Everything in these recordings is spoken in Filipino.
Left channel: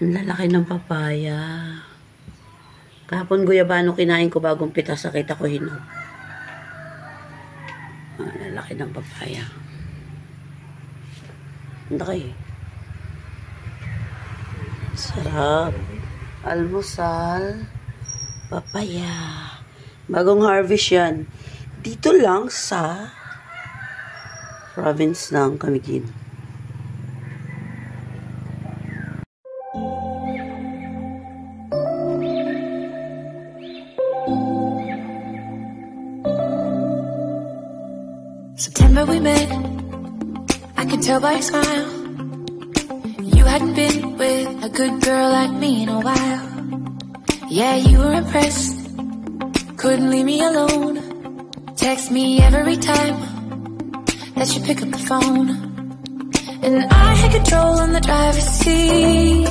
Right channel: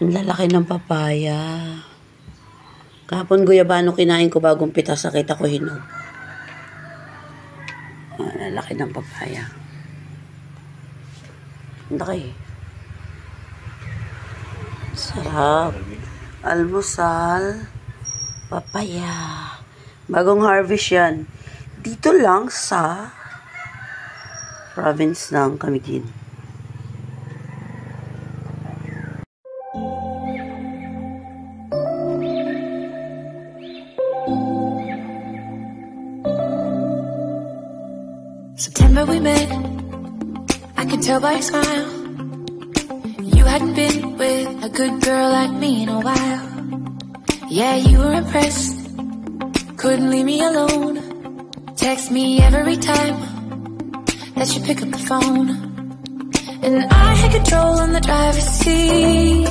Ang lalaki ng papaya. Kahapon guyabano kinain ko bagong pitas. Sakita ko hinog. Lalaki ng papaya. Ang laki. Sarap. Almusal. Papaya. Bagong harvest yan. Dito lang sa province ng Camiguin. September we met, I could tell by your smile. You hadn't been with a good girl like me in a while. Yeah, you were impressed, couldn't leave me alone. Text me every time that you pick up the phone. And I had control on the driver's seat,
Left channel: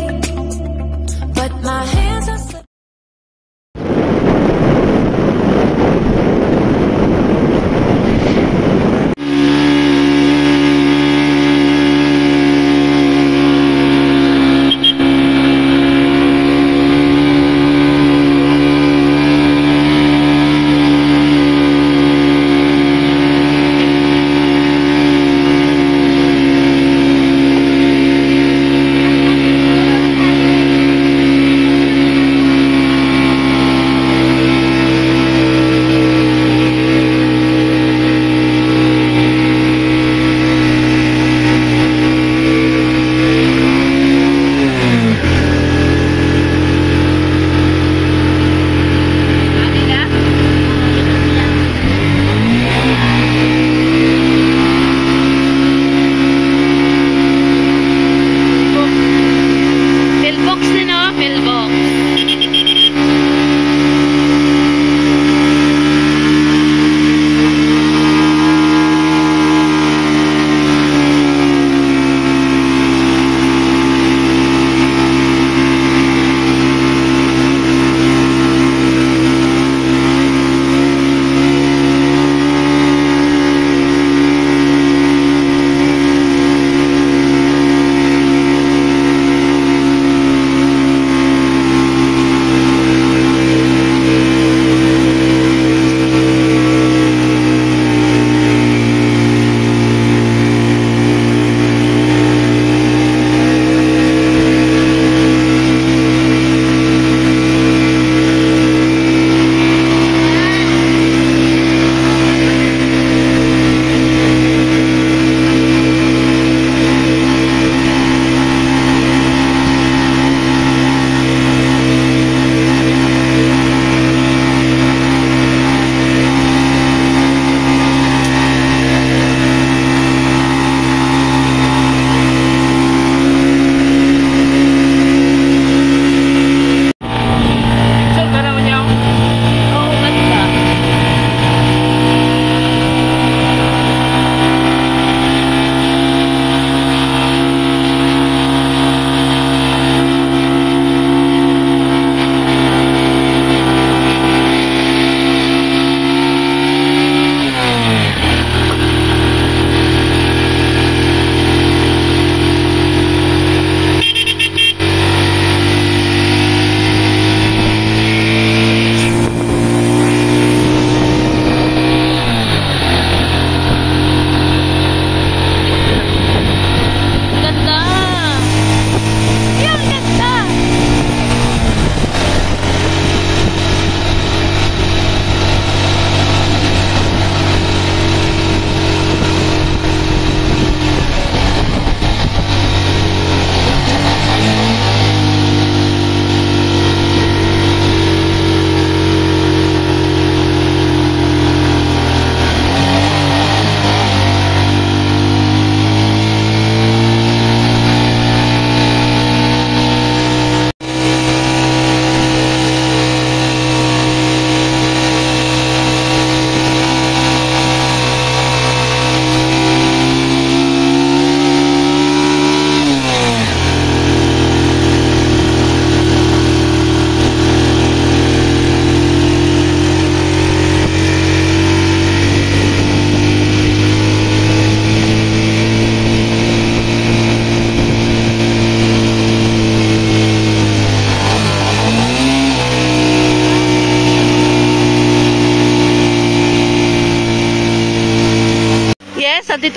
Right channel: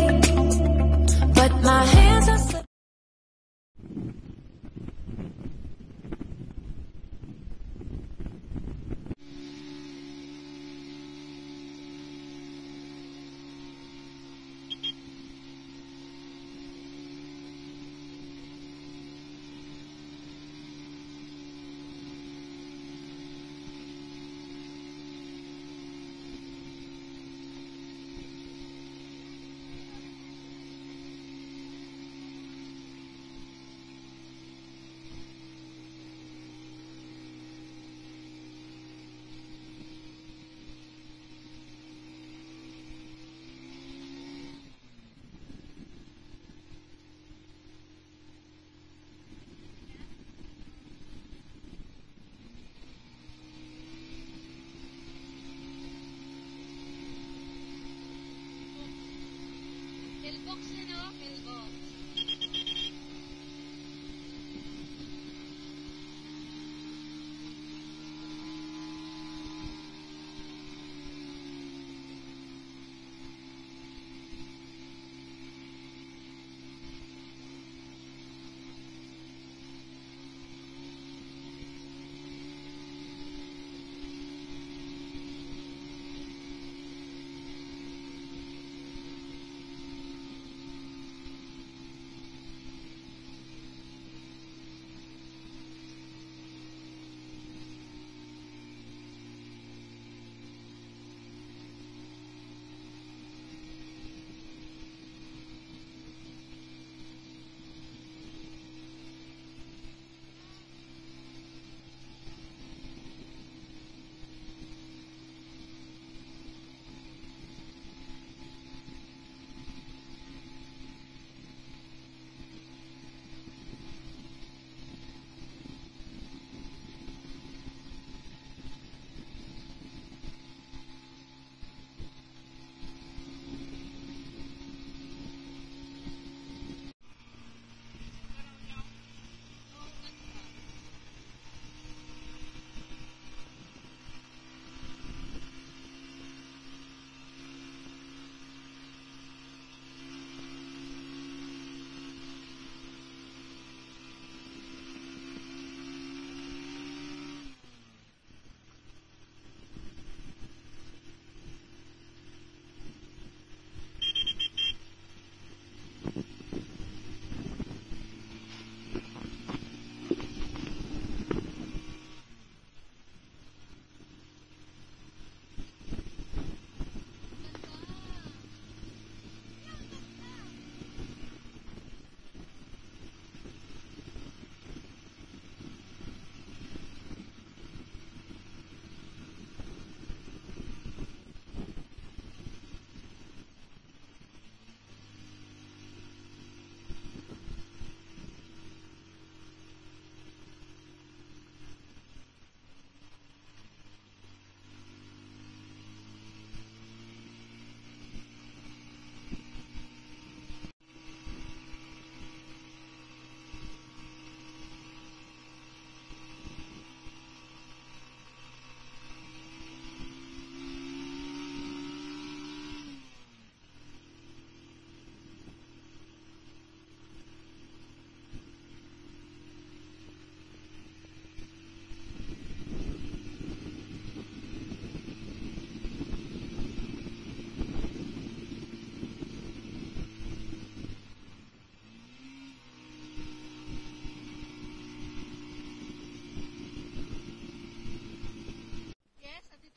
but my hands are slipping.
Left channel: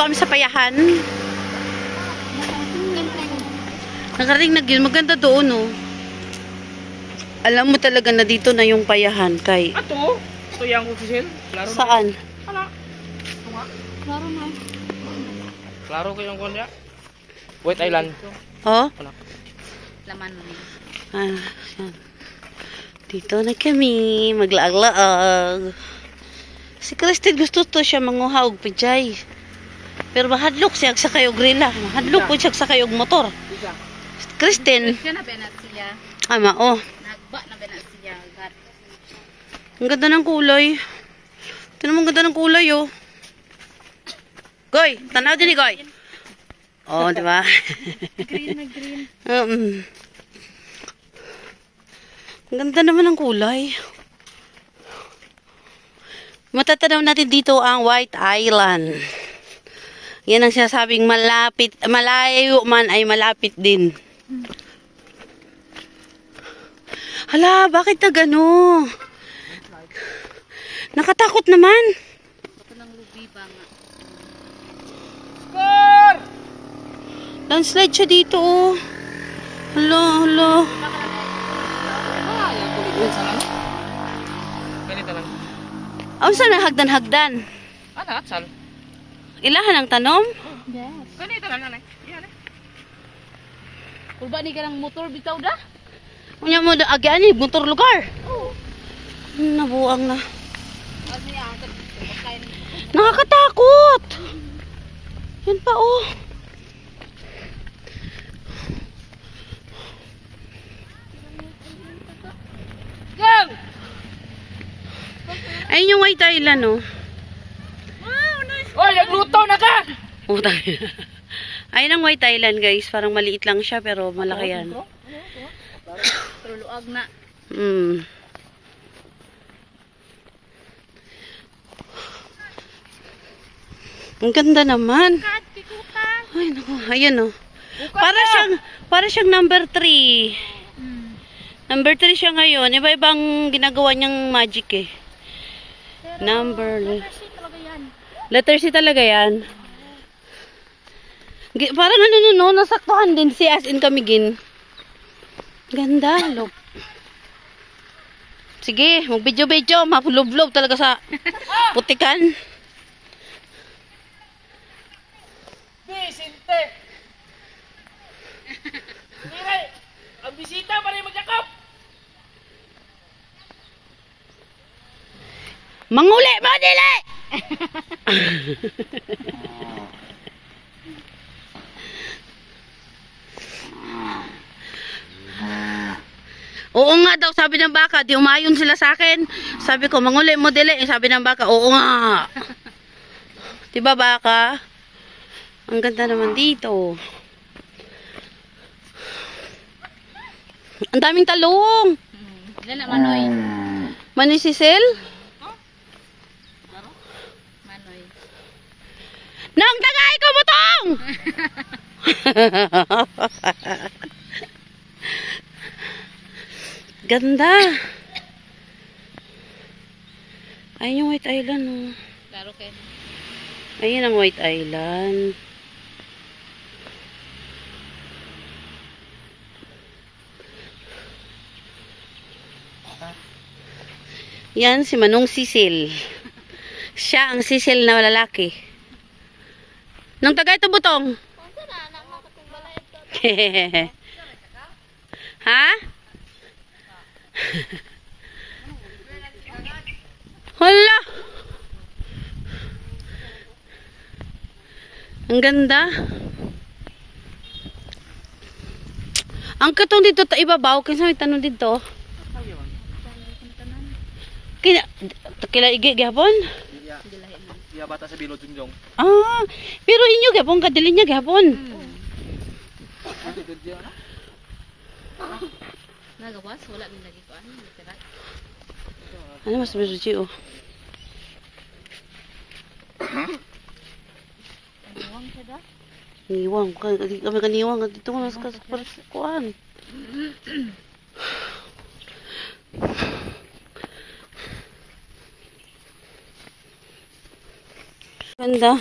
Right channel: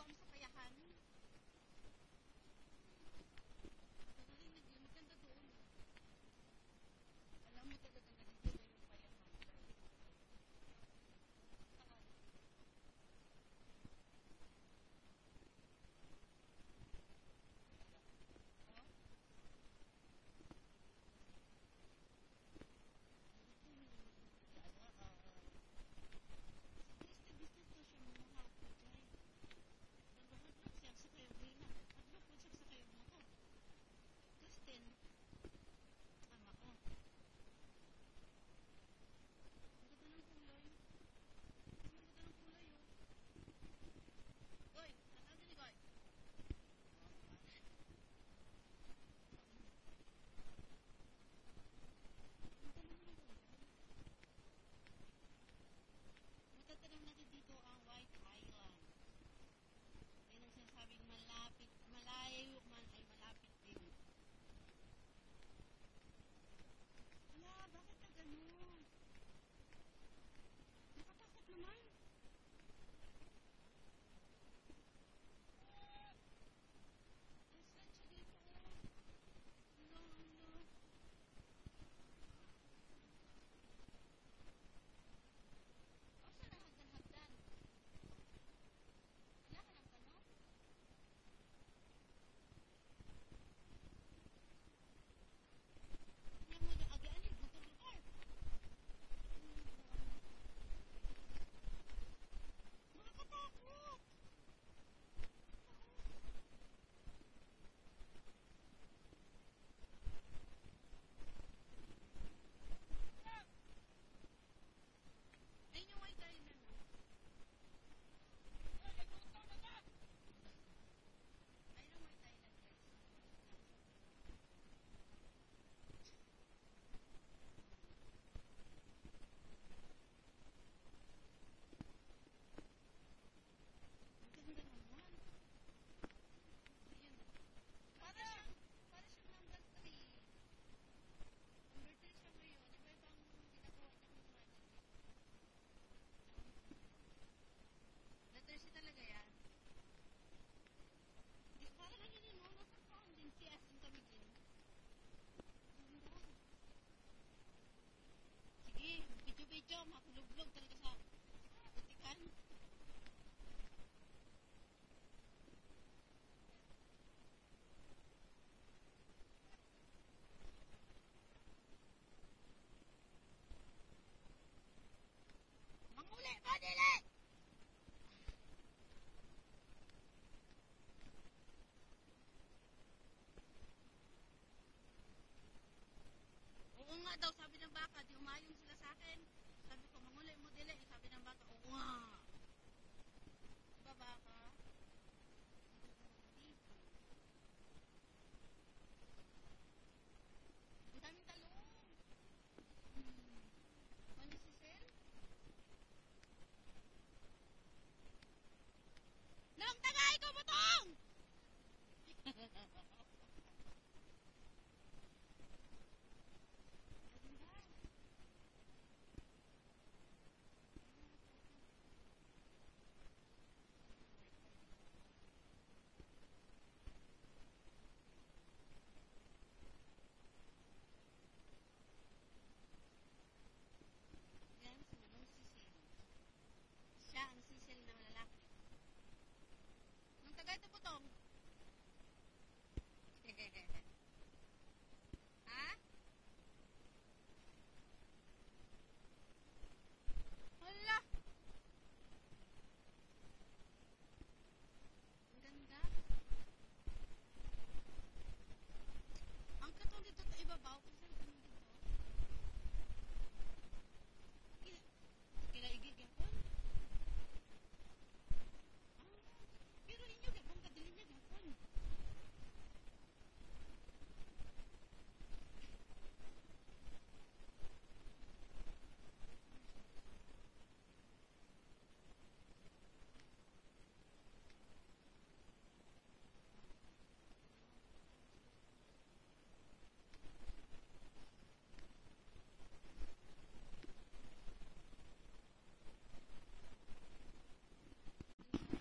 kami sa payahan. Nakarating na yun. Maganda doon, oh. Alam mo talaga na dito na yung payahan, kay. Ato? Ito yung kusisil? Klaro na. Saan? Ala. Ito nga. Klaro na. Klaro ko yung kunya. White Island. Oh? Wala. Laman mo. Ah, yan. Dito na kami. Maglaag-laag. Si Kristen gusto to siya manguhaog pijay. Pero mahadlok siya sa kayog grila. Mahadlok po siya sa kayog motor. Isa. Kristen. Siya na benat siya. Ama, oh. Nagba na benat siya. God. Ang ganda ng kulay. Tignan mo ang ganda ng kulay, oh. Goy, tanaw din ni Goy. Oh, di ba? Green na green. Ang ganda naman ng kulay. Matatanaw natin dito ang White Island. Yan ang sinasabing malapit, malayo man ay malapit din. Hala, bakit na gano? Nakatakot naman. Ito ng lubi ba nga. Score! Landslide siya dito, oh. Hala, hala. Ganito lang. Ang saan na hagdan-hagdan? Ano? Atsal? Ilahan ang tanom? Yes. Ganito lang, nanay. Yan eh. Kulba ni ka ng motor bitaw da? Unya mo, agyan eh, motor lugar. Nabuang na. Ano yan? Pagkain. Nakakatakot. Yan pa, oh. Gang! Ayun yung White Island, oh. Oy, nagluto na ka! Oh, tayo. Ayun ang White Island, guys. Parang maliit lang siya, pero malaki yan. Pero luag na. Mm. Ang ganda naman. Kat, kikutan. Ay, naku. Ayan, oh. Para siyang number 3. Number 3 siya ngayon. Iba-ibang ginagawa niyang magic, eh. Kasi talaga yan. Letter C talaga yan. Parang ano no, nasaktuhan din si as in kami gin. Ganda, lop. Sige, mag-video-video, mapulob-lob talaga sa putikan. Bisinte! Mire, ang bisita pa rin magyakap! Manguli mo, dili! Oo nga daw, sabi ng baka, di umayon sila sa akin. Sabi ko, manguli mo, dili. Sabi ng baka, oo nga. Diba baka? Ang ganda naman dito. Ang daming talong. Ilan na Manoy? Manoy Sisil? Manoy. Nang tagay ko butong! Ganda. Ayun yung White Island, oh. Klaro kayo. Ayun ang White Island. Yan si Manong Sisil. Siya ang Sisil na lalaki. Nang tagay to butong. Ha? Hala. Ang ganda. Ang katong dito ta ibabaw kinsa may tanon dito. Kila igi gihapon? Iya bata sa Bilo Junjong. Ah, pero inyo gihapon kadili niya gihapon. Nagawas, wala din lagi ko. Ano, literal. Ano mas berji oh. Iwang siya da? Niwang kami kaniwang dito ko nas kuan. Ganda.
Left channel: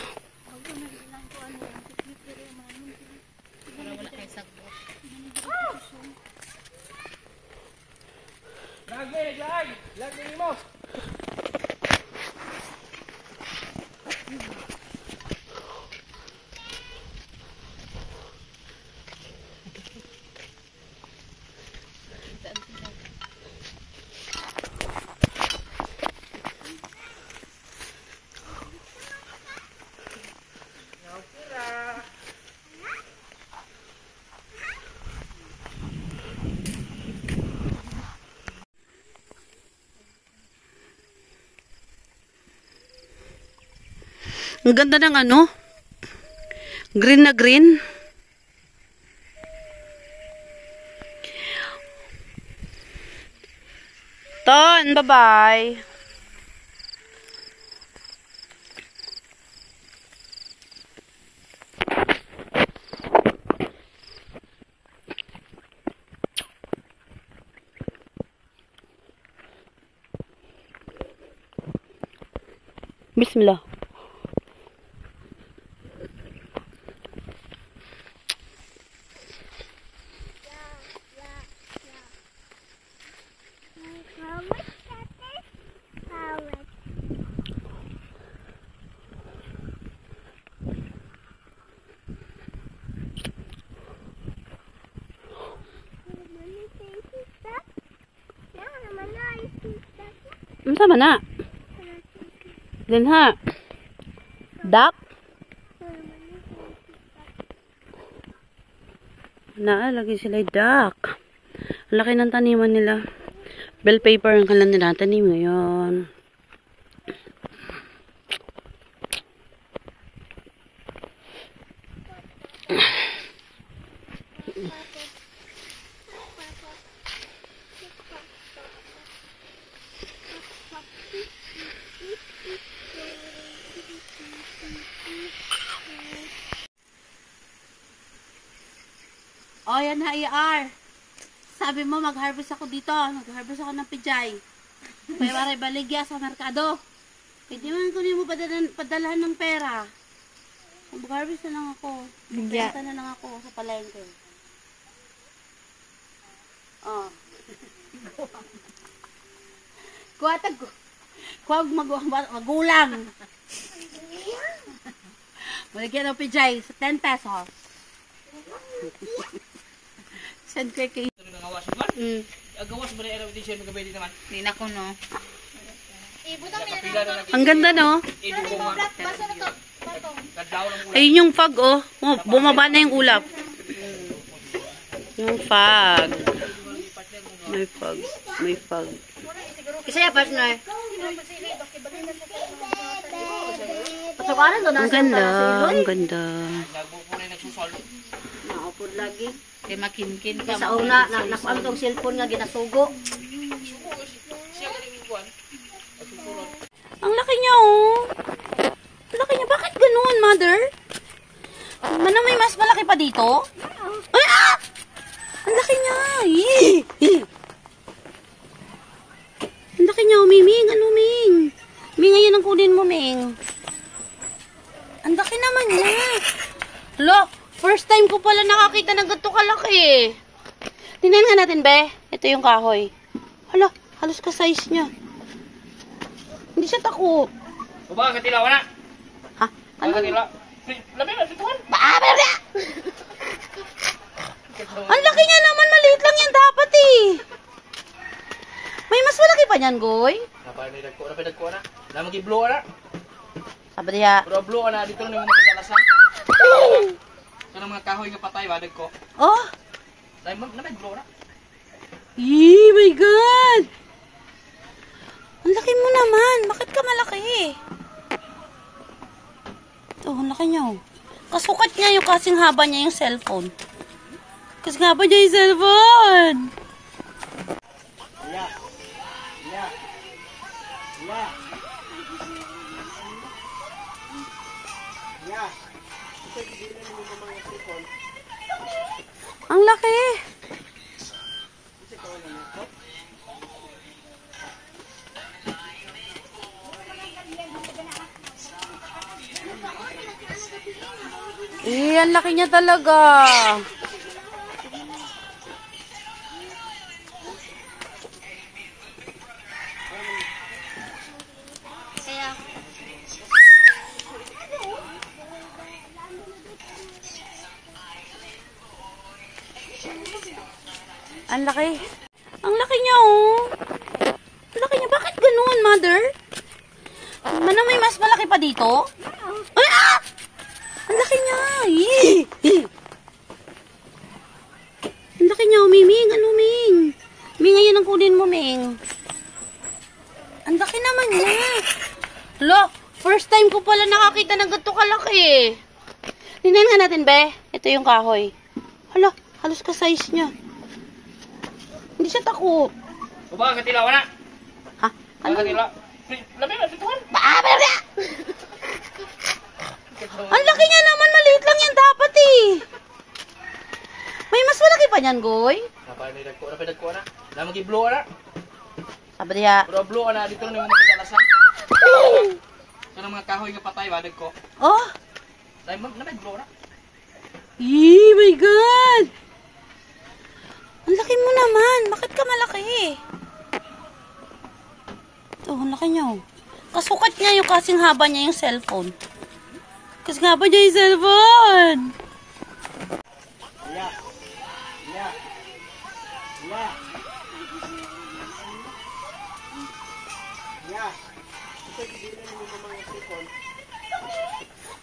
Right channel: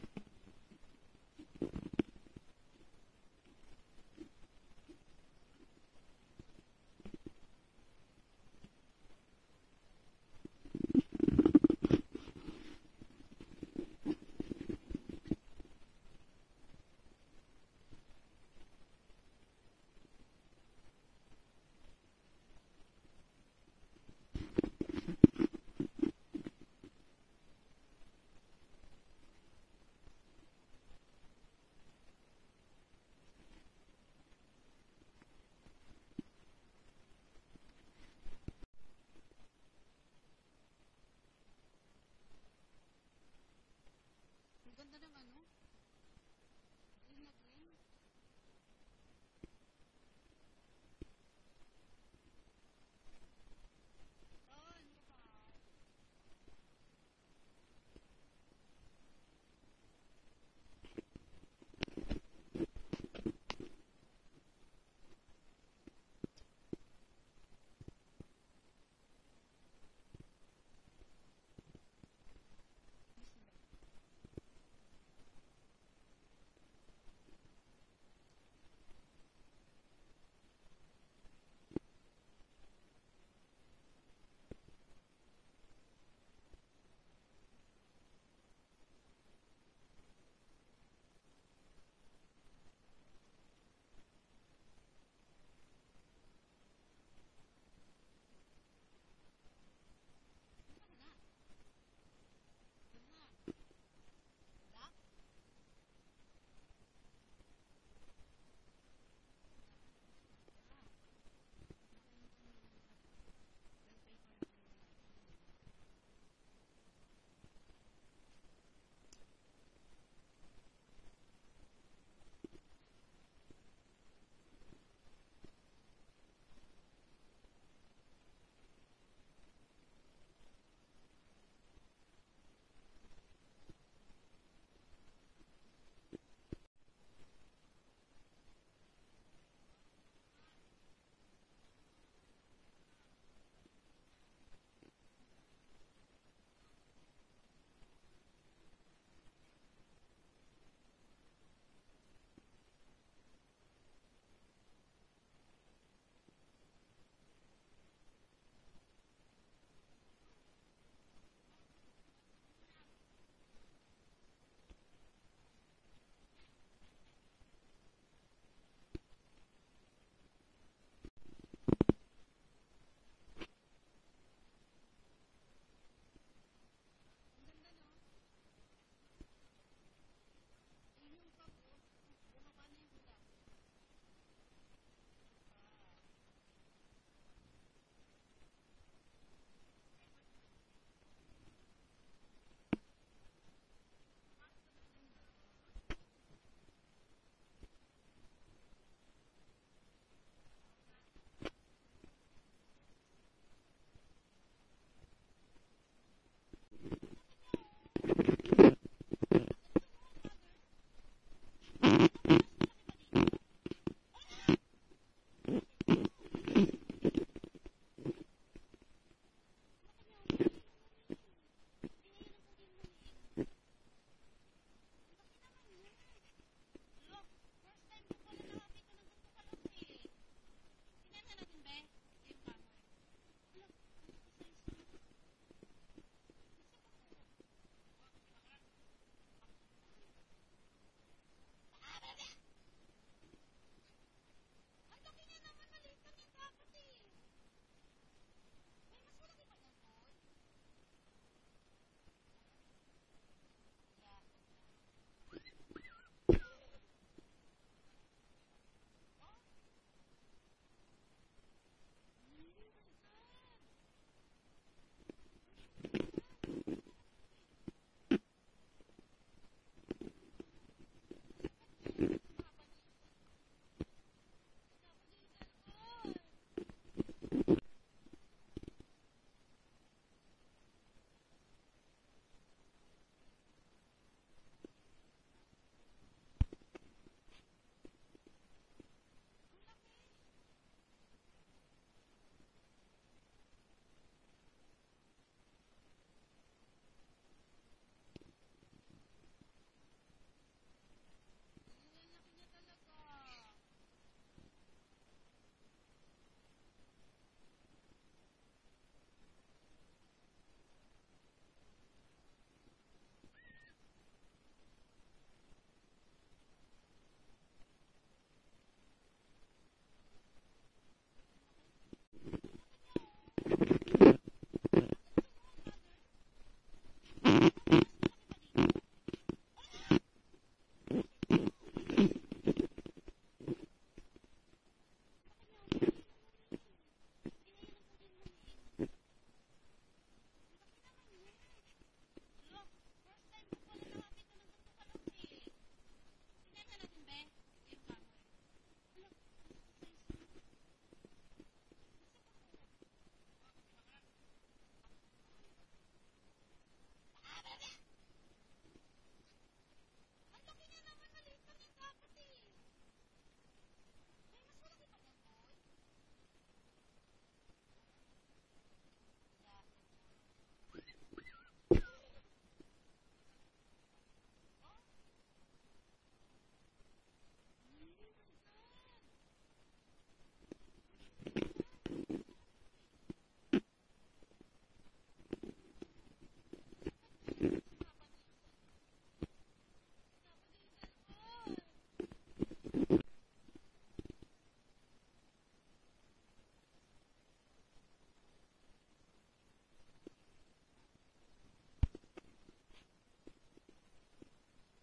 Ang ganda ng ano? Green na green. Ton, bye-bye. Bismillah. Sama na. Din ha. Duck. Lagi sila duck. Ang laki ng taniman nila. Bell paper ang kalan nila tanim ngayon. O, yan na, IR. Sabi mo, mag-harvest ako dito. Mag-harvest ako ng pijay. May waray baligya sa merkado. Pwede man kunin mo padalahan ng pera. Mag-harvest na lang ako. Benta na lang ako sa palengke. O. Kuwag magulang. Maligyan ng pijay sa 10 pesos. Send ko kay Nangawas ba? Agawas ba na edition magabay din naman? Hindi na ko, no? Ang ganda, no? Ido ko nga. Kadlaw lang mula. Ayun yung fog, oh. Bumaba na yung ulap. Yung fog. May fog. May fog. Isa ya, partner. Ang ganda. Ang ganda. Nagbo ko na nagsusol. Naupod lagi. Kay makinkin ka. Sa una, nakuan tong cellphone nga ginasugo. Siya galing yung kuwan. Ang laki niya, oh. Ang laki niya. Bakit ganun, mother? Ano, may mas malaki pa dito? Ay, ah! Ang laki niya. Ang laki niya, Ming. Ano, Ming? Ming, ngayon ang kunin mo, Ming. Ang laki naman niya. Look, first time ko pala nakakita ng ganito kalaki. Tingnan nga natin, be. Ito yung kahoy. Hala, halos ka-size niya. Hindi siya takot. O ba, katilaw na? Ha? Ano? Katilaw. Labi na, dituhan. Ang laki niya naman, maliit lang yan dapat eh. May mas malaki pa niyan, Goy. Napay-dagko na. Namag-i-blow na. Sabi niya, Pero blow na, dito na yung mga katalasan. Ito ng mga kahoy nga patay, badag ko. oh, Namay-blow na. my God. Ang laki mo naman. Bakit ka malaki? Ito, ang laki niya. Oh. Kasukat niya yung kasing haba niya yung cellphone. Kasing haba niya yung cellphone. Ang laki. Ang laki niya talaga. Ang laki. Ang laki niya, oh. Ang laki niya. Bakit ganun, mother? Ano, may mas malaki pa dito? Ay, ah! Ang laki niya. Ang laki niya, oh, Ming. Ano, Ming? Ming, ayan ang kunin mo, Ming. Ang laki naman niya. Look, first time ko pala nakakita ng ganito kalaki. Tingnan nga natin, be. Ito yung kahoy. Hala, halos ka-size niya. Hindi siya takot. Uba, katilaw na. Ha? Ano? Katilaw. Labi na, dito. Baabara! Ang laki niya naman. Maliit lang yan dapat eh. May mas malaki pa niyan, Goy. Napay dagko na. Lamang i-blow na. Sabi niya. Pero blow na dito na yung mga katalasan. Kanang mga kahoy nga patay ba dagko. Oh! Dai mo na blow na. Yee, my God! Ang laki mo naman. Bakit ka malaki? Ito, ang laki niya. Oh. Kasukat niya yung kasing haba niya yung cellphone. Kasing haba niya yung cellphone.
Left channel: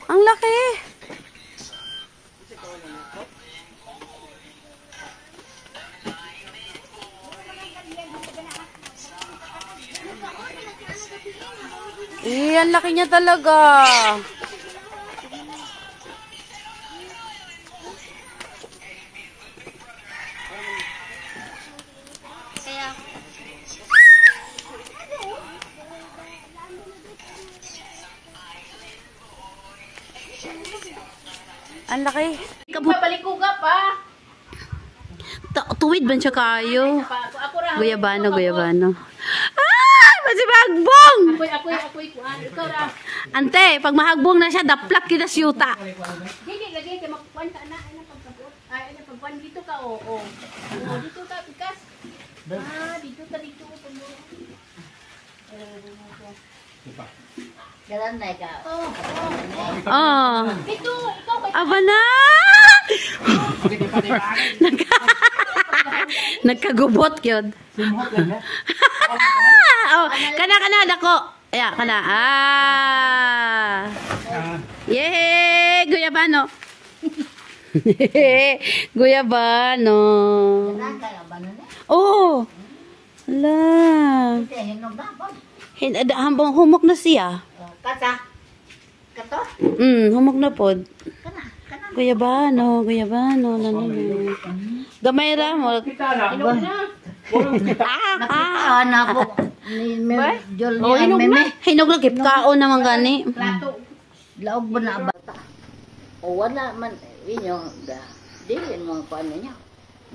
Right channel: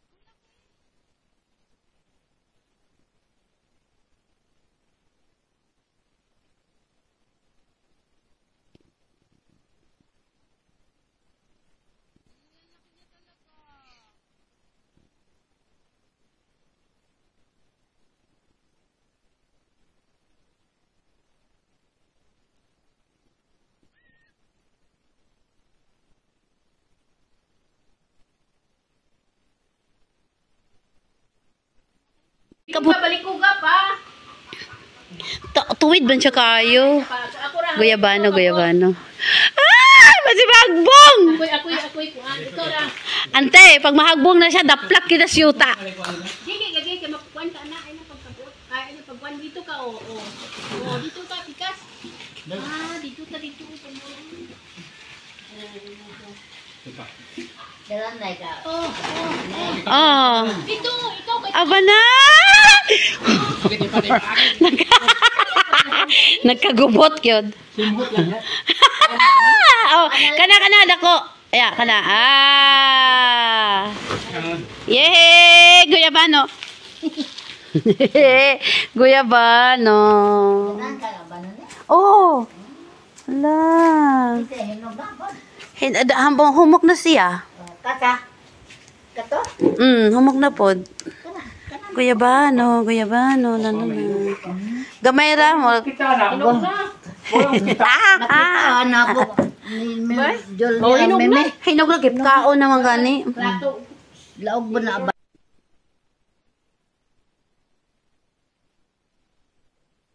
Ang laki. Ang laki niya talaga. Ang laki. Balik ko ka pa. Tuwid ba siya kayo? Ako ra. Guyabano, guyabano. Ah! Masibagbong! Ako'y kuan. Ito ra. Ante, pag mahagbong na siya, daplak kita siyuta. Sige, lagi kay makuan ka na ay na pagkabot. Ay na pagkuan dito ka oo. Oh, dito ka pikas. Dito pa mo. Dalan na ka. Oh. Oh. Dito, ikaw kay Aba na! Nagkagubot yun. Simhot lang ya. Oh, kana dako. Aya, kana. Yay! Guyabano. Guyabano. Oh. Hala. Hambong humok na siya. Kata. Kato? Humok na pod. Guyabano. Nanano. Gamay ra mo. Na po. Hinog na. Hinog na kipkaon naman gani. Plato. Laog ba na ba? O wala man inyo da. Dili mo ko ano niya.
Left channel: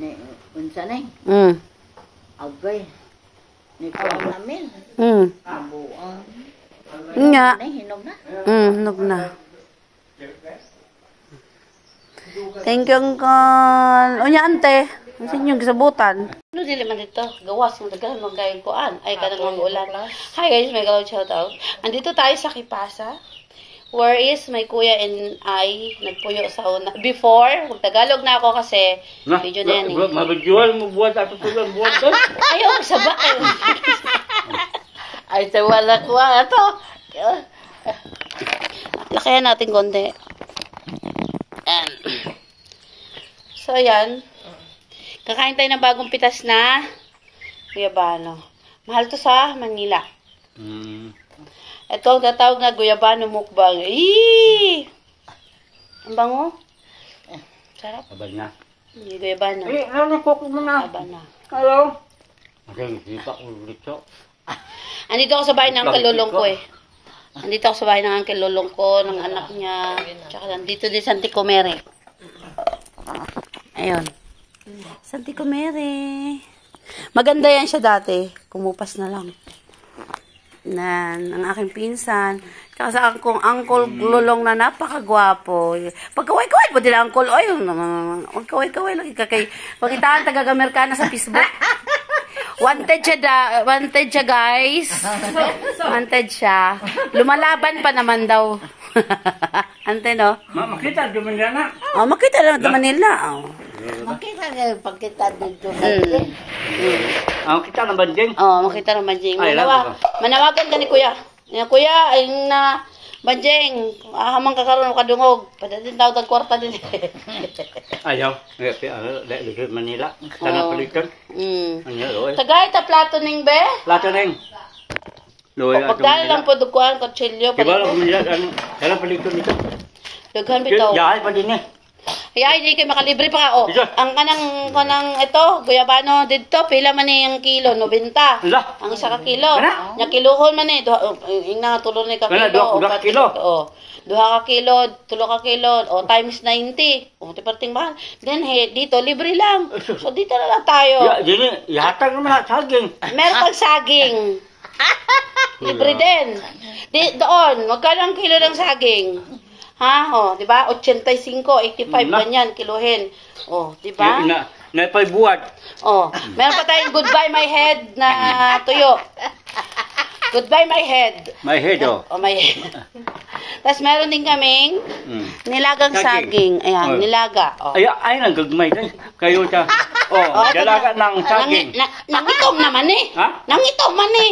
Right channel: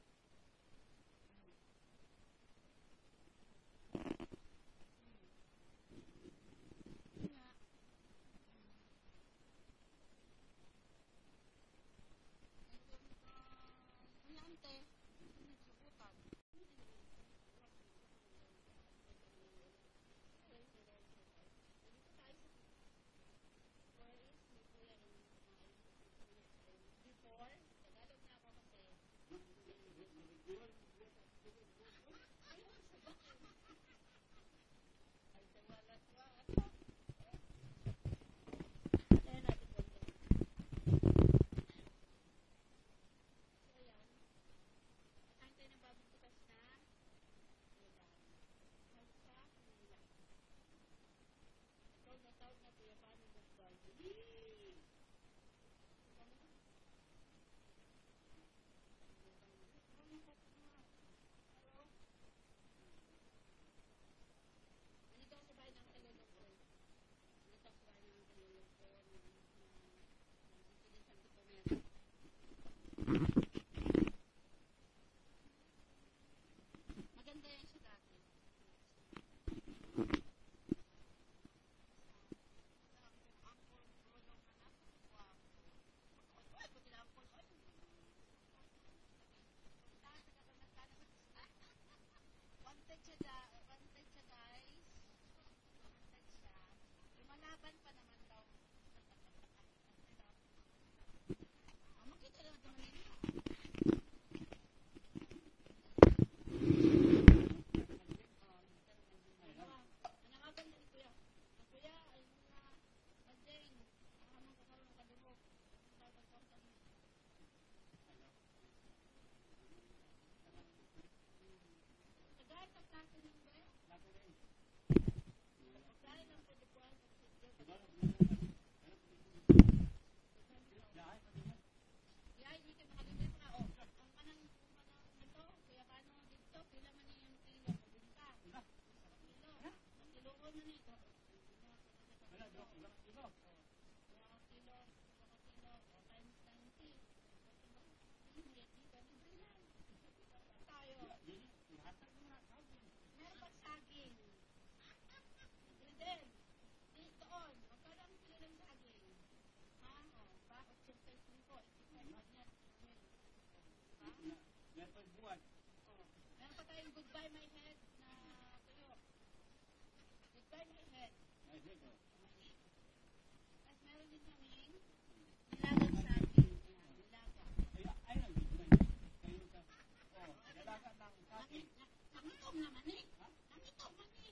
Ni unsa nay? Agay. Ni ko namin. Abuang. Nga. Nay hinog na. Hinog na. Thank you, Uncle. Unya, ante. Ang sinyong gisabutan. Ano dili man dito? Gawas mo daghan mo gayong kuan. Ay kanang mag-ulan. Hi guys, may gawin shout out. Andito tayo sa Kipasa. Where is my kuya and I nagpuyo sa una. Before, mag-Tagalog na ako kasi video na yan eh. Mabagjual mo buhat ato tulang buhat doon. Ayaw, saba. Ay, wala ko ito. Lakayan natin konti. So, ayan. Kakain tayo ng bagong pitas na guyabano. Mahal to sa Manila. Ito ang tatawag na guyabano mukbang. Eee! Ang bango. Sarap. Abay na. Guyabano. Ano cook mo na? Aba na. Hello. Kasi hindi pa ulit. Andito ako sa bahay ng Uncle Lolong ko eh. Andito ako sa bahay ng Uncle Lolong ko, ng anak niya. Tsaka nandito din sa Anticomere. Ayun. Sa Anticomere. Maganda yan siya dati. Kumupas na lang. Ang aking pinsan. Tsaka sa Uncle Lolong na napakagwapo. Pagkaway-kaway po nila Uncle. Ay, magkaway-kaway lang. Pakitaan taga-Amerikana sa Facebook. Wanted siya guys. Wanted siya. Lumalaban pa naman daw. Ante no? Makita duman na. Oh, makita naman sa Manila. Oh. Makita nga pagkita dito sa Mm. Ang kita ng banding. Oh, makita ng Banjing. Ay, Manawagan ka ni Kuya. Ni Kuya, ay na Banjing, ahamang kakaroon ka dungog. Padating tawag ang kwarta din. Ayaw. Dahil Manila. Sana palitan. Ano yun? Tagay ta plato ning be. Lato na yung. Loy. Pagdala lang po dukuan, kutsilyo, Diba lang palito. Manila? Sana palitan dito. Dughan bitaw. Yahay pa din eh. Ay, di kay makalibre pa ka. Oh. Isa. Ang kanang ito, guyabano dito, pila man ni ang kilo, 90. Ala. Ang isa ka kilo. Kana? Nya kilohon man ni, ing na tulo ni ka Kana, kilo. duha ka kilo. Oh. Duha ka kilo, tulo ka kilo, o times 90. O tiparting mahal. Then dito libre lang. So dito na lang tayo. Dini, ihatag naman na saging. Meron pag saging. Libre din. Doon, magkano ang kilo ng saging? Ha? Oh, di ba? 85, 85 ganyan kilohin. Oh, di ba? Na pa'y buwad. Oh, meron pa tayong goodbye my head na tuyo. Goodbye my head. May head oh. Oh, my head. Tapos meron din kaming nilagang saging. Ayan, Oh. nilaga. Oh. Ay, nang gagmay din. Kayo ta. Oh, ito dalaga na. ng saging. Nangitom naman eh. Ha? Nangitom man eh.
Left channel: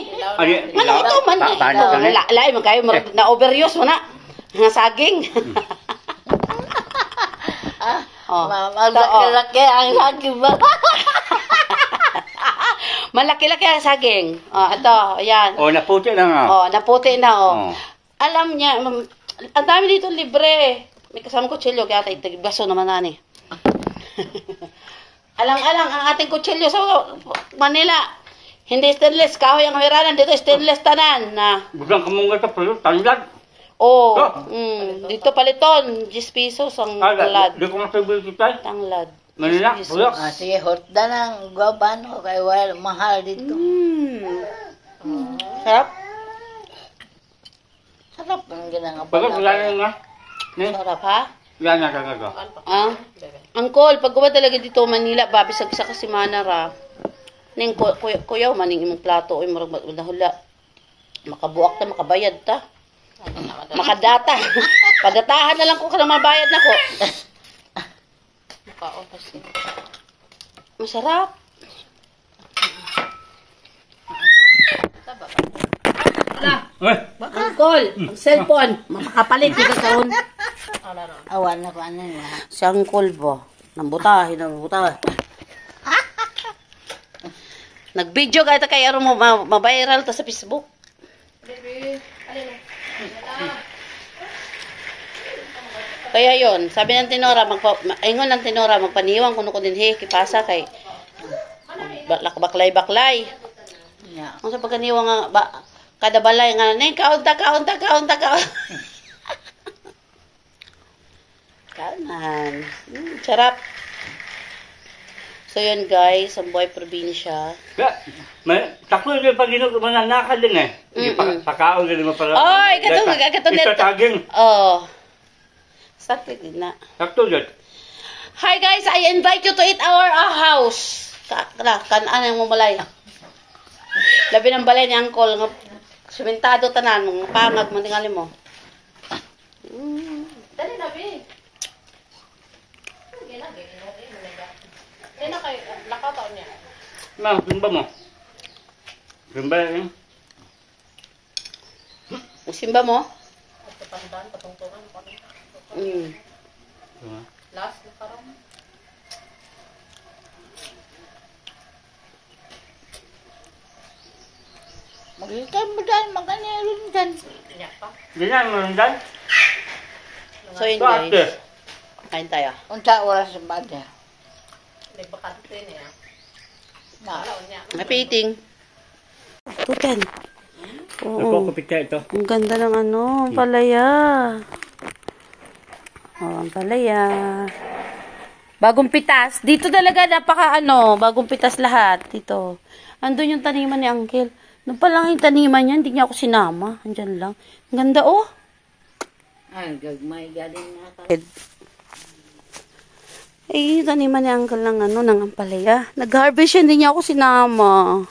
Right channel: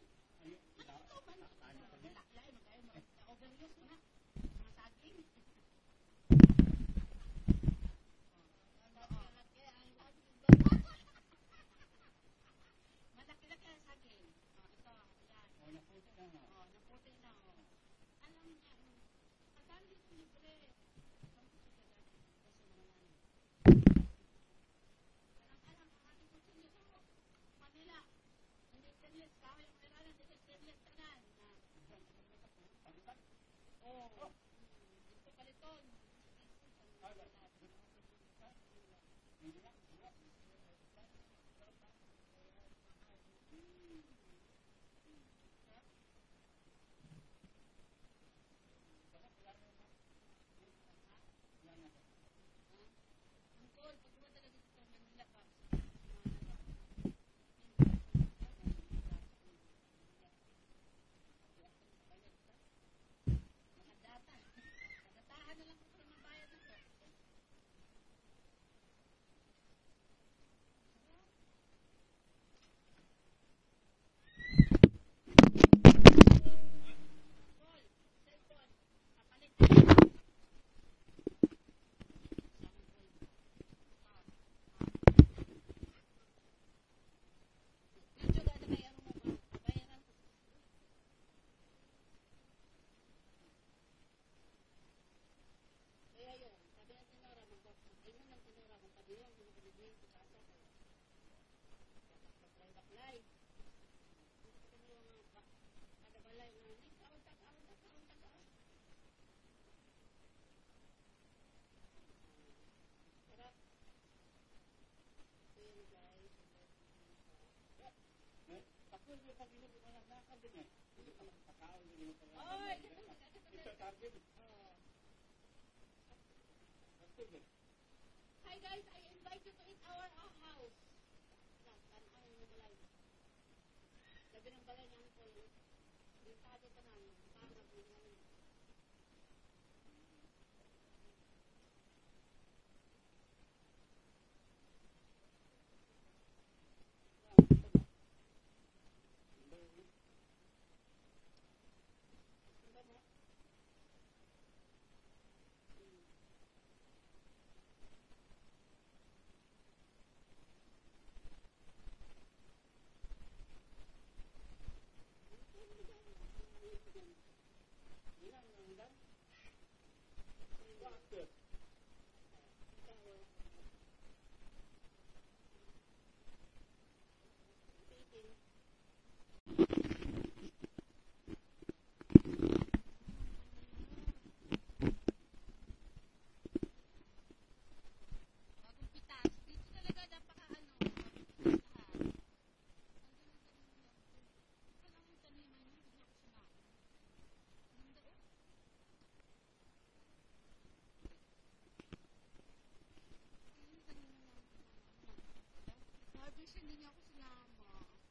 Nangitom man eh. Paano ka na? Lain man kayo, na overuse mo na. Nga saging. Oh. Malaki-laki ang saging ba? Malaki-laki ang saging. Oh, ito, ayan. Oh, naputi na nga. Oh, naputi na oh. Oh. Alam niya, ang dami dito libre. May kasama kutsilyo, kaya tayo baso naman nani. Alang-alang ang ating kutsilyo sa Manila. Hindi stainless, kahoy ang hiranan dito, stainless tanan na. Bugang kamunga sa palo, tanlad. Oh, Oh. dito paliton, 10 pesos ang tanglad. Di ko masabi kita. Tanglad. Manila, 10 pesos. bulok. Sige, hotda ng guwabano kay well, mahal dito. Sarap? Sarap ang ginangabala. Pagkat wala na nga. Sarap ha? Wala na kagaga. Ah? Angkol, pag guba talaga dito Manila, babi sa kasi manara. Ning kuyaw maning imong plato oy murag nahula. Makabuak ta, makabayad ta. Makadata. Padatahan na lang ko kana mabayad nako. Masarap. Eh, Angkol, ang cellphone, mapakapalit dito taon. Awan na ko ano yun. Si Angkol ba? Nambutahin. Nag-video ka kay aron mo ma-viral ta sa Facebook. Kaya yon, sabi ng Tinora, ingon ng Tinora, magpaniwang kuno ko din kipasa kay baklay. Yeah. Ang sa pagkaniwang nga kada balay nga ning kaunta. Kanan. Sarap. So yun guys, ang buhay probinsya. taklo din pag mananakal din eh. Pakaon din mo pala. Oy, katong Ito taging. Oh. Sakit din na. Takto din. Hi guys, I invite you to eat our house. Kanaan ang mumalay. Labi ng balay ni Angkol. Sumentado tanan, mga pangag, mantingali mo. Dali na, Bi. Kaya na kayo, nakataon niya. Ma, simba mo. Simba eh. Simba mo? Last na parang. Magitan mo dyan, maganyaron dyan. Ganyan mo rin dyan. So yun Ito ate. guys. Kain tayo. Unta oras sa bada. Na. Napiting. Tutan. Oo. Nagkukupit ka ito. Ang ganda ng ano, ang palaya. Oh, ang palaya. Bagong pitas. Dito talaga bagong pitas lahat. Dito. Andun yung taniman ni Uncle. Doon pa lang yung taniman niya, hindi niya ako sinama. Andyan lang. Ang ganda oh. Ay, gagmay galing na ka. Eh, taniman ni Uncle ng ng ampalaya. Nag-harvest siya, hindi niya ako sinama.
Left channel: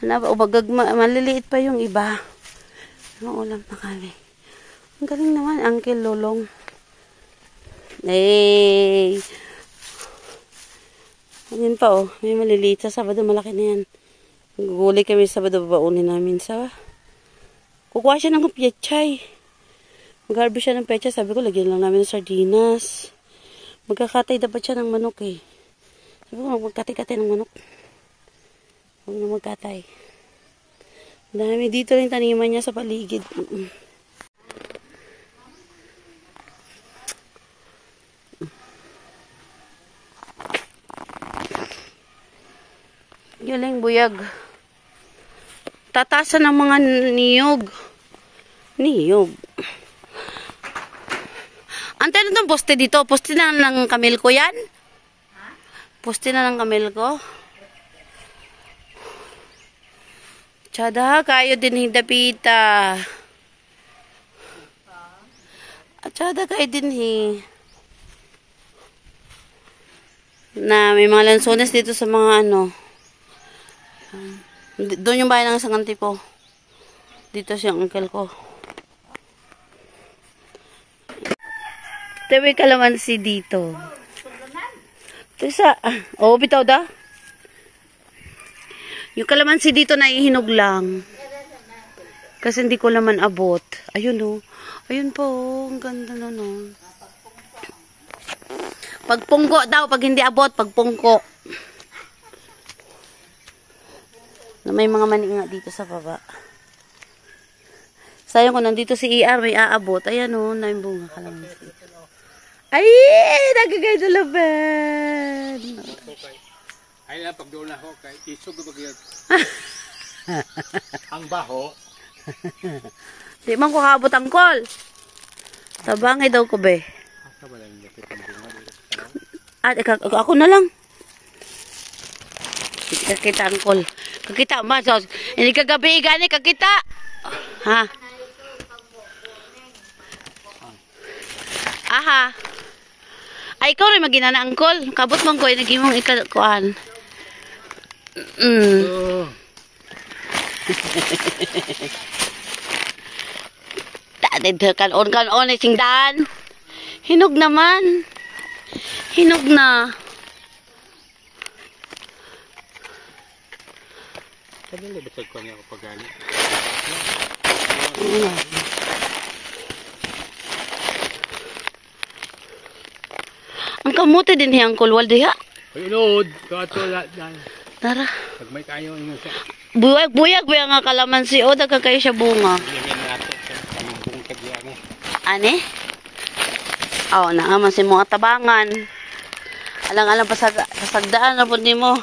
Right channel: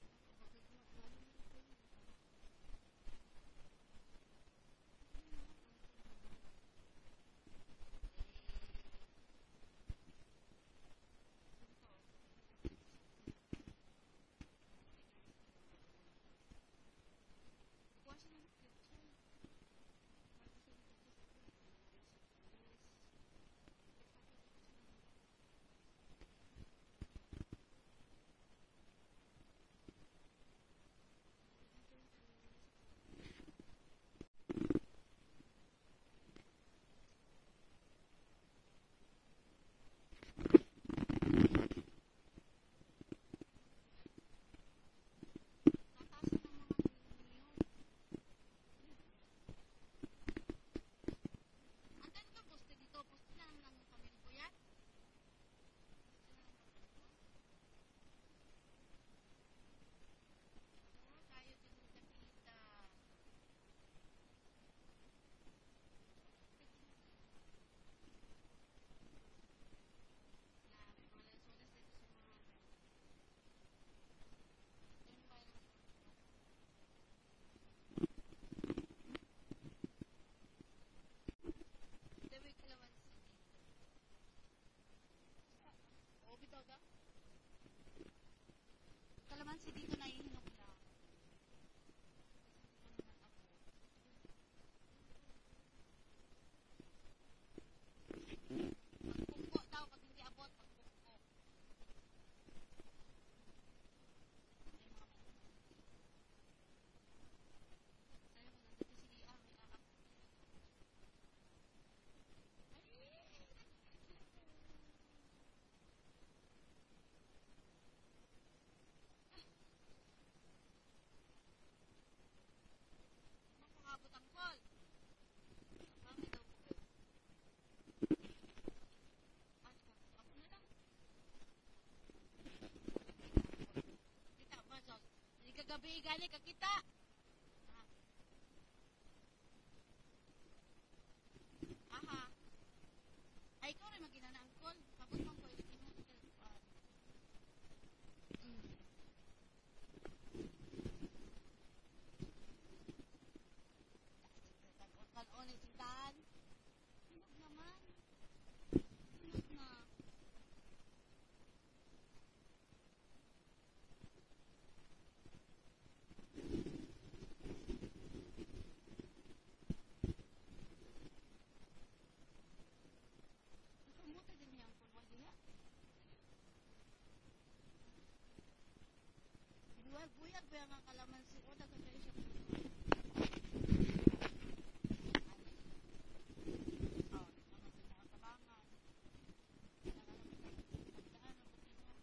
Maliliit pa yung iba. Ano ulam na kami. Ang galing naman, Uncle Lolong. Hey! Ayun pa oh, may maliliit sa Sabado, malaki na yan. Guguli kami sa Sabado, babaunin namin sa... Kukuha siya ng pechay. Mag-harvest siya ng pechay, sabi ko, lagyan lang namin ng sardinas. Magkakatay dapat siya ng manok eh. Sabi ko, magkatay-katay ng manok. Huwag na magkatay. Dami dito rin taniman niya sa paligid. Galing buyag. Tatasan ng mga niyog. Niyog. Antay na itong poste dito. Poste na ng kamil ko yan? Poste na ng kamil ko. Tsada, kayo din hidapita. Tsada, kayo din na may mga lansones dito sa mga ano. Doon yung bahay ng isang auntie ko. Dito siyang uncle ko. Ito may kalamansi dito. Ito isa. Oo, bitaw da. Yung kalamansi dito naihinog lang. Kasi hindi ko naman abot. Ayun o. Ayun po. Ang ganda na no. Pagpungko daw. Pag hindi abot, pagpungko. Na may mga mani nga dito sa baba. Sayang ko nandito si ER, may aabot. Ayan o, na yung bunga kalamansi. Ay, nagagay na laban. Ay lang, pag doon ako, kay isog ko bagay. Ang baho. Di man ko kaabot ang call. Tabangay daw ko be. At ako na lang. Kakita ang call. Kakita, masos. Hindi kagabi gani, kakita. Ha? Aha. Ay, ikaw rin magina ang call. Kabot mong ko, naging mong ikakuan. Kanon sing daan. Hinog naman. Hinog na. Sabi nila basag ko niya kapag gani. Ang kamote din hiyang kulwal diha. Ay, Lord. Kato lahat yan. Tara. Pag may kayo, inyo siya. Buyag ba nga kalamansi o daga kayo siya bunga. Ilagyan natin. Ang tagya mo. Ane? Oo, naman si mga tabangan. Alang-alang pasagdaan na po ni mo.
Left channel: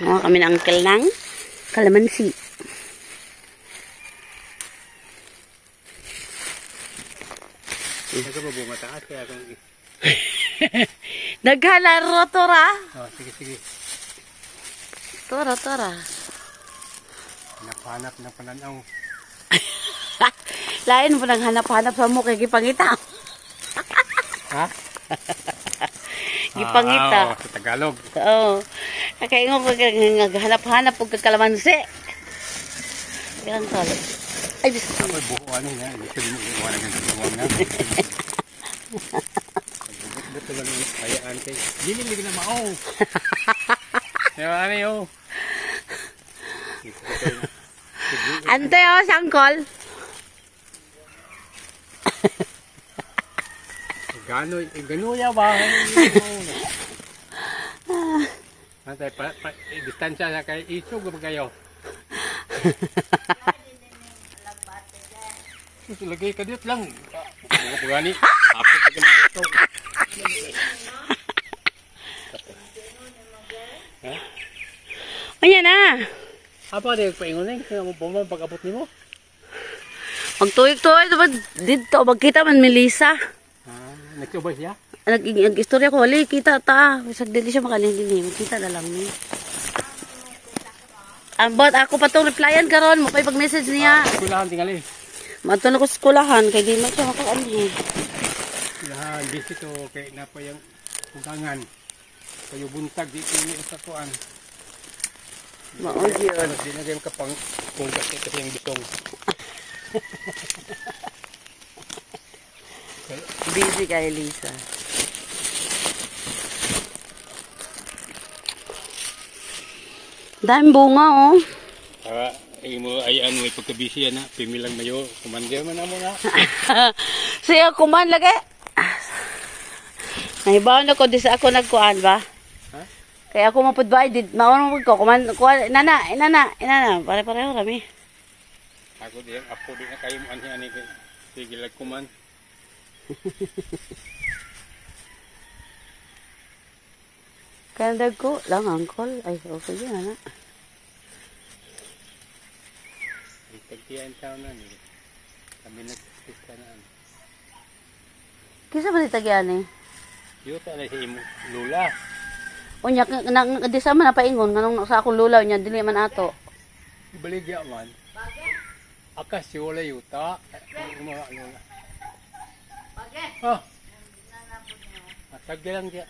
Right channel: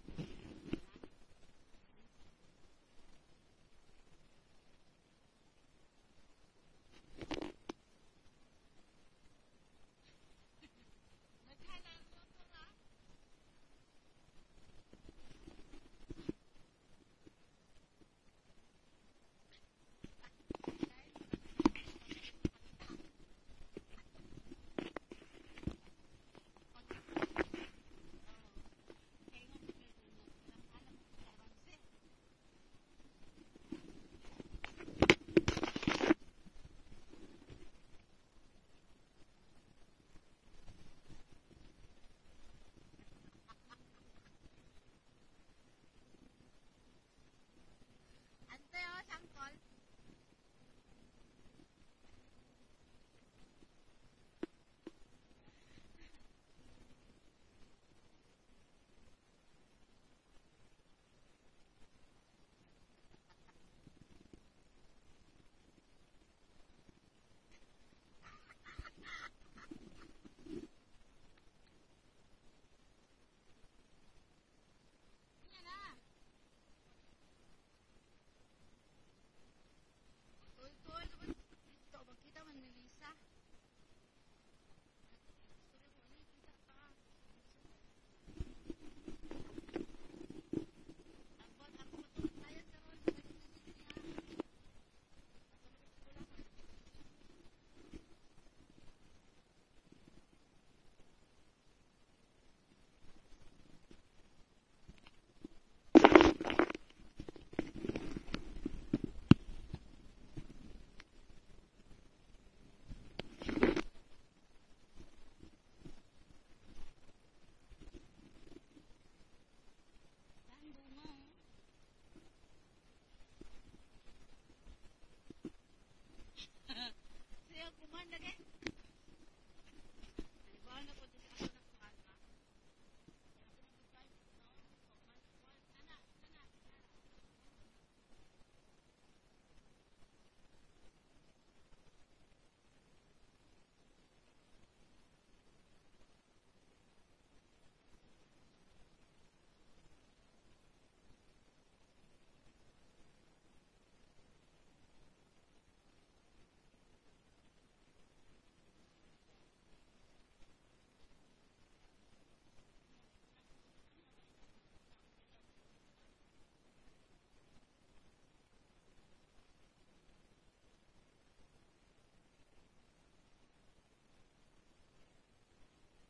Mga kami na uncle ng kalamansi. Nagka ba bunga taas kaya kung... Naghalaro, Tora. Oh, sige, sige. Tora. Hanap ng pananaw. Lain mo nang hanap-hanap sa mo kay gipangita. Ha? Gipangita. Oo, sa Tagalog. Oo. Kaya nga naghanap-hanap pag kalamansi. Bilang tolo. Ay, bisko. May buko ano yan. Gusto din mo iwan ang gagawang na. Buto lang yung kayaan kay. Ginilig na mao. Diba ano yun? Ante o, sangkol. Ganuya ba? Antay, distansya na kay isog ba kayo? Lagay ka dito lang. Mga pagani. Apit ka dito. Ayan na. Apa dia paingon ni kaya mo bomba pag-abot nimo? Magtuyog-tuyog dapat dito. Magkita man Melissa. Nagtubay siya? Nag-istorya ko. Wali, kita ta. Isag dili siya makaling din. Magkita na lang ni. Ambot, ako pa itong replyan karon mo. Pag-message niya. Kulahan tingali. Matulog ko sa skulahan. Kaya di man siya makaanhin. Kulahan, busy to. Kaya na pa yung ugangan. Kayo buntag dito yung sa kuan. Maon yun. Hindi na kayo kapang kung kasi yung bitong. Busy kay Lisa. Daming bunga, oh. Imo ay ano may pagkabisi na pimilang mayo kumandir man amo na. Siya kuman lagi. Nahibaw na ko di sa ako nagkuan ba? Ha? Kaya ako mapudbay di mauna ko kuman kuan inana pare-pareho rami. Ako diyan apo di na kayo anhi ani sige lag kuman. Kaya dagko lang angkol ay okay yan na. Pagtiyan taon na ni. Kami nagpista na. Kisa ba ditagyan eh? Yuta na si imo lula. Unya di sa man napaingon nganong sa akong lulaw nya dili man ato. Baligya man. Akas si wala yuta. Mga lula. Ah. Matag lang dia.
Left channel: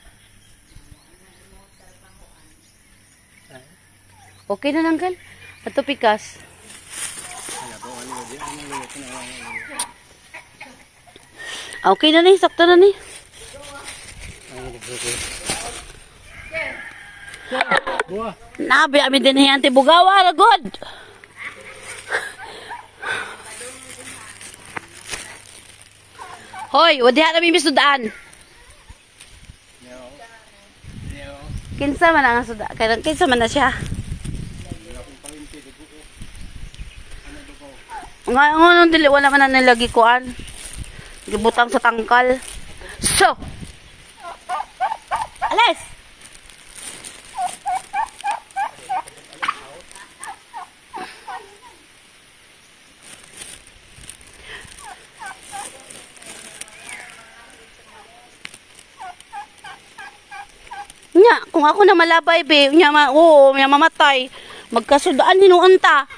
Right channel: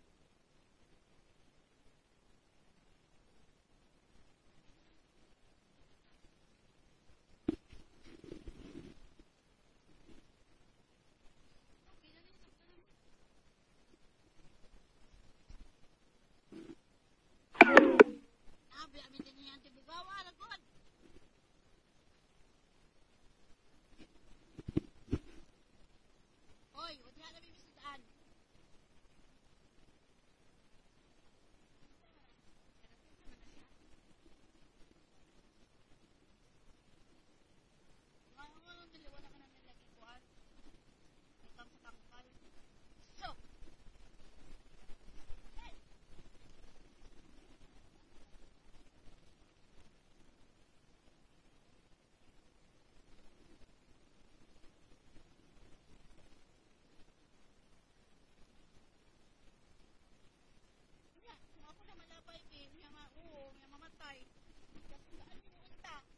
Okay na nanggal. Ato pikas. Okay na ni, sakto na ni. Nabi amin din hiyan ti bugawa ra god. Hoy, wadi ha namin misudaan. Kinsa man ang suda? Kaya kinsa man na siya. Ngayon dili wala man na nilagi kuan. Gibutang sa tangkal. So. Alas. Nya, kung ako na malabay be, nya mamatay. Magkasudaan hinuon ta.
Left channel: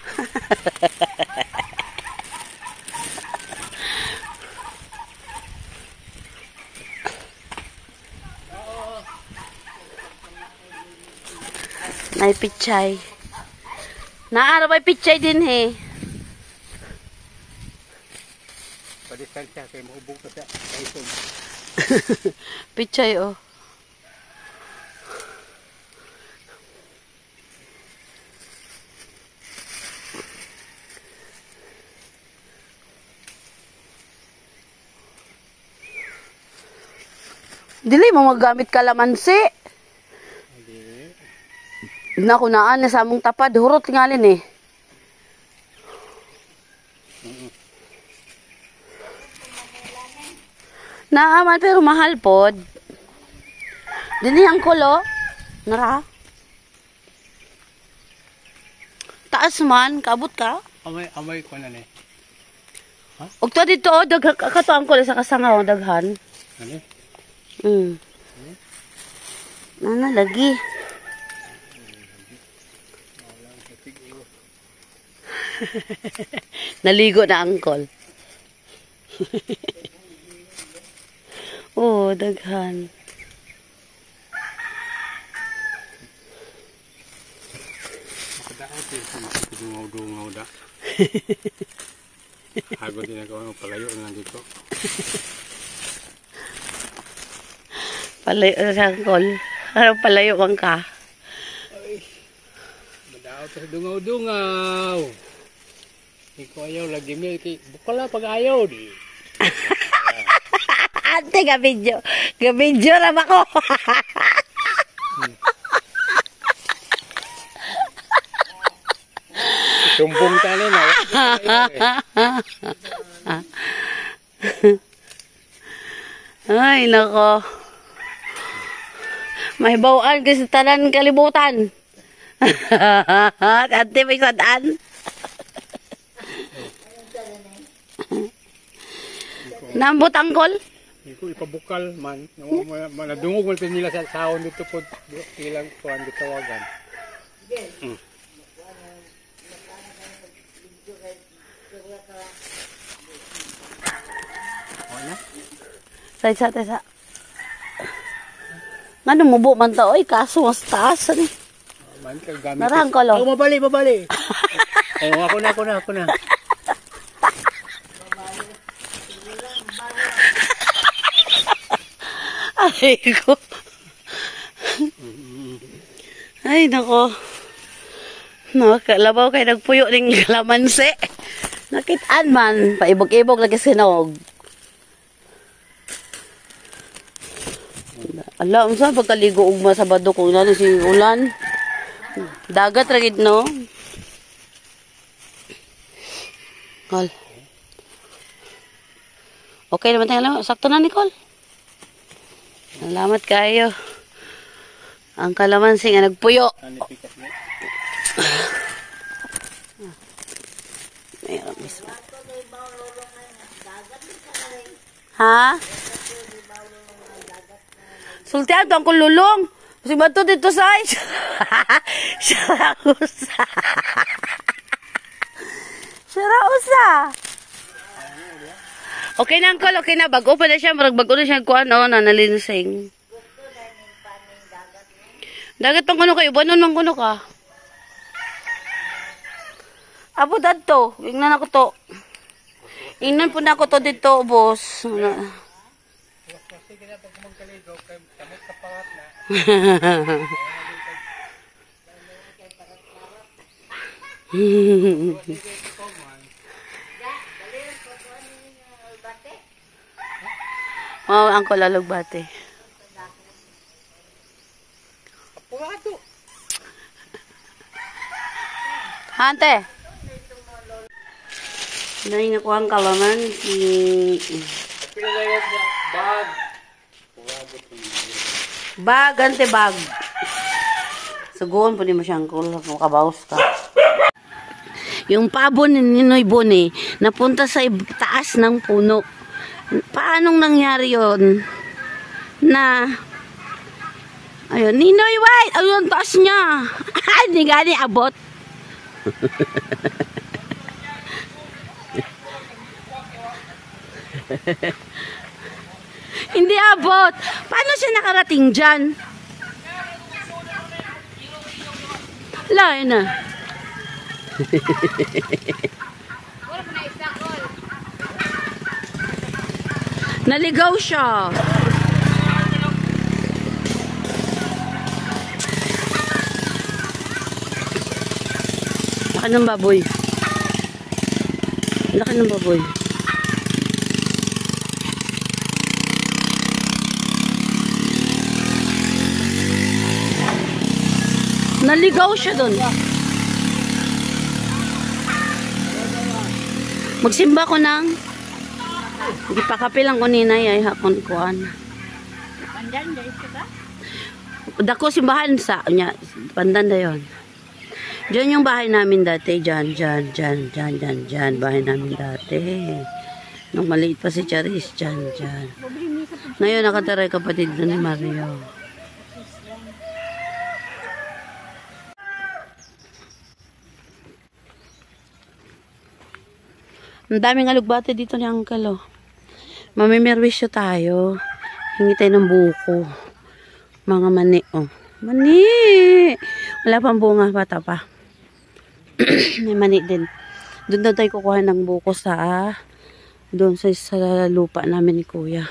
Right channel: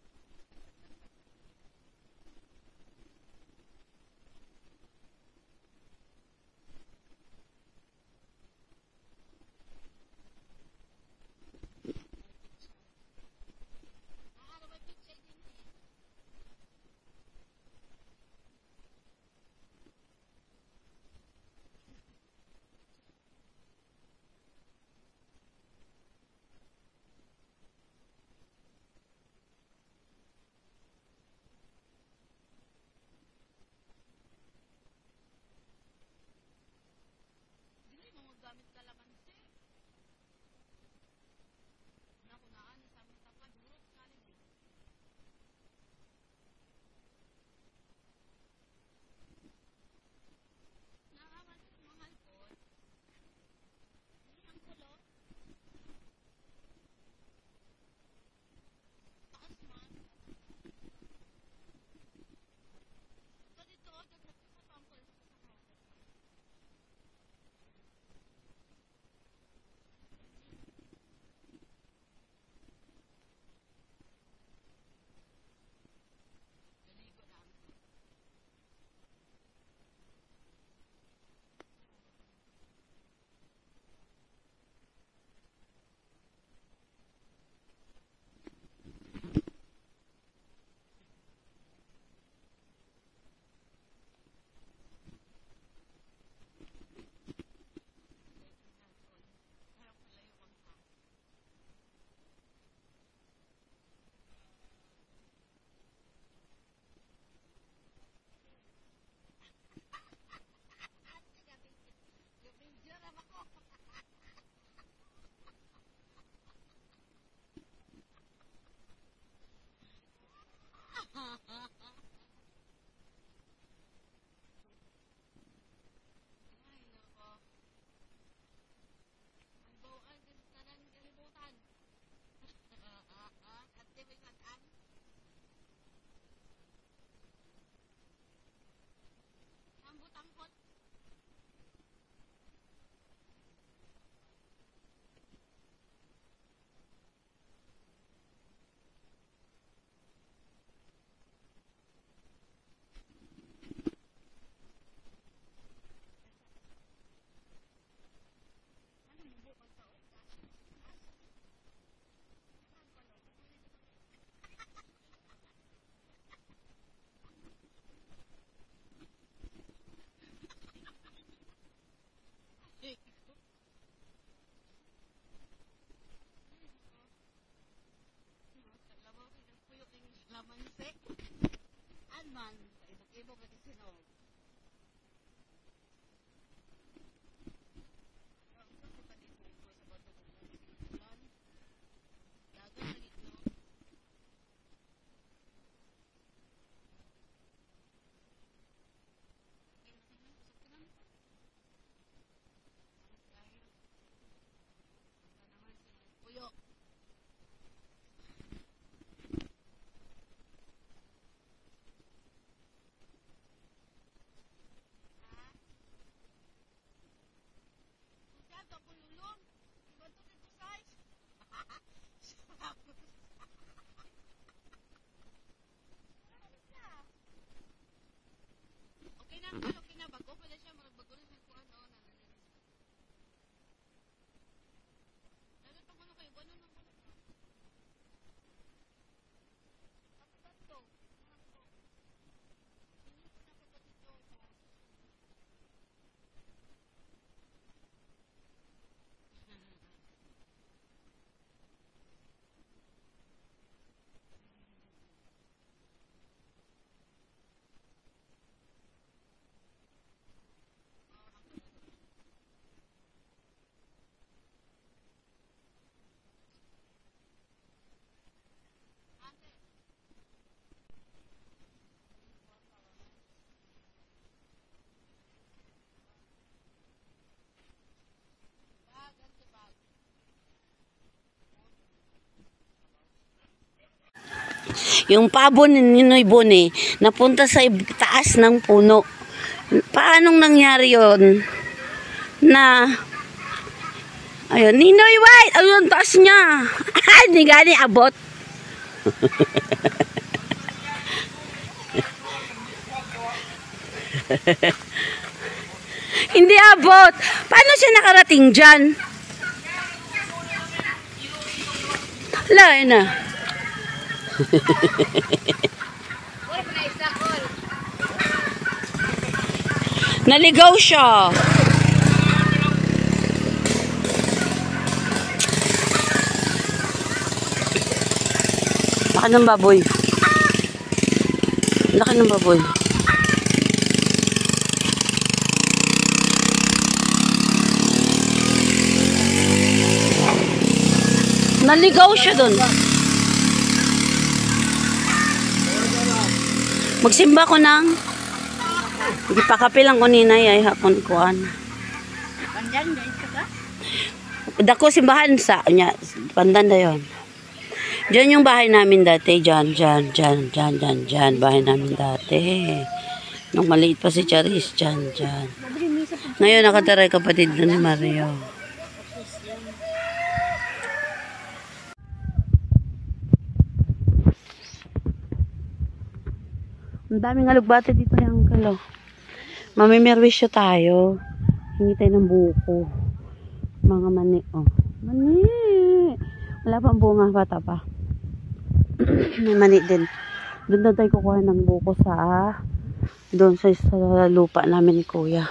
Nay pichay. Naara may pichay din he. Padistansya kay mahubog ka sa kaisog. Pichay oh. Dili mo magamit kalamansi. Naku naan na sa among tapad, hurot tingalin eh. Naaman pero mahal pod. Dini ang kulo. Nara. Taas man, kabot ka. Amay ko na ni. Og to dito, kato ang kulo sa kasangaw, daghan. Ano? Nana, lagi. Naligo na angkol. Oh, daghan. Dungaw da. Hago din ako palayo na dito. Palayo na angkol. Ano palayo bang ka? Madaw to dungaw. Iko ayaw lagi mi kay bukala pag ayaw di. Ate gabidyo. Gabidyo ra ba ko? Sumbong tani na. Ay, nako. May bawaan kasi tanan kalibutan. Ate, may sadaan. Nambot angkol? Iko ipabukal man. Manadungog man nila sa sahon dito po. Ilang kuan gitawagan. Sa. Ngano mubo man ta oy kaso mas taas ni. Man kay gamit. Narang ko lo. Oh, mabali. Oh, ako na. Ay ko. Ay, nako. No, kalabaw kay nagpuyo ning kalamansi. Nakitaan man, paibog-ibog lagi sinog. Ala, unsa pagkaligo ugma sa bado kung nani si ulan. Dagat ragid no. Kol. Okay naman tayo. Sakto na, Nicole. Salamat kayo. Ang kalamansi nga nagpuyo. Mayroon mismo. Ha? Sultihan to ang kululong. Kasi ba ito dito sa ice? Syarausa. Syarausa. Okay na, Uncle. Okay na. Bago pa na siya. Bago na siya kuha, no? Nanalinsing. Dagat pang kuno kayo. Banon mang kuno ka. Abo dadto. Ingnan ako to. Ingnan po na ako to dito, boss. Oh, angko lalugbate. Hante. Dahil nakuha ang kalaman. Bag, ante bag. Sugoon po ni mo siyang kabaos ka. Yung pabon ni Ninoy Bone, napunta sa taas ng puno. Paanong nangyari yon? Na, ayun, Ninoy White, ayun, taas niya. Ay, di gani abot. Hindi abot. Paano siya nakarating dyan? Lain na. Naligaw siya. Laki ng baboy. Laki ng baboy. Naligaw siya doon. Magsimba ko ng gipakapilang ko ninay ay hakon kuan. Pandan dahil ka? Dako simbahan sa nya pandan dayon. Diyan yung bahay namin dati, diyan bahay namin dati. Nung maliit pa si Charis, diyan. Ngayon nakatira kapatid na ni Mario. Ang daming alugbate dito ni Uncle, oh. Mamimerwisyo tayo. Hingi tayo ng buko. Mga mani, oh. Mani! Wala pang bunga, bata pa. May mani din. Doon na tayo kukuha ng buko sa doon sa lupa namin ni Kuya.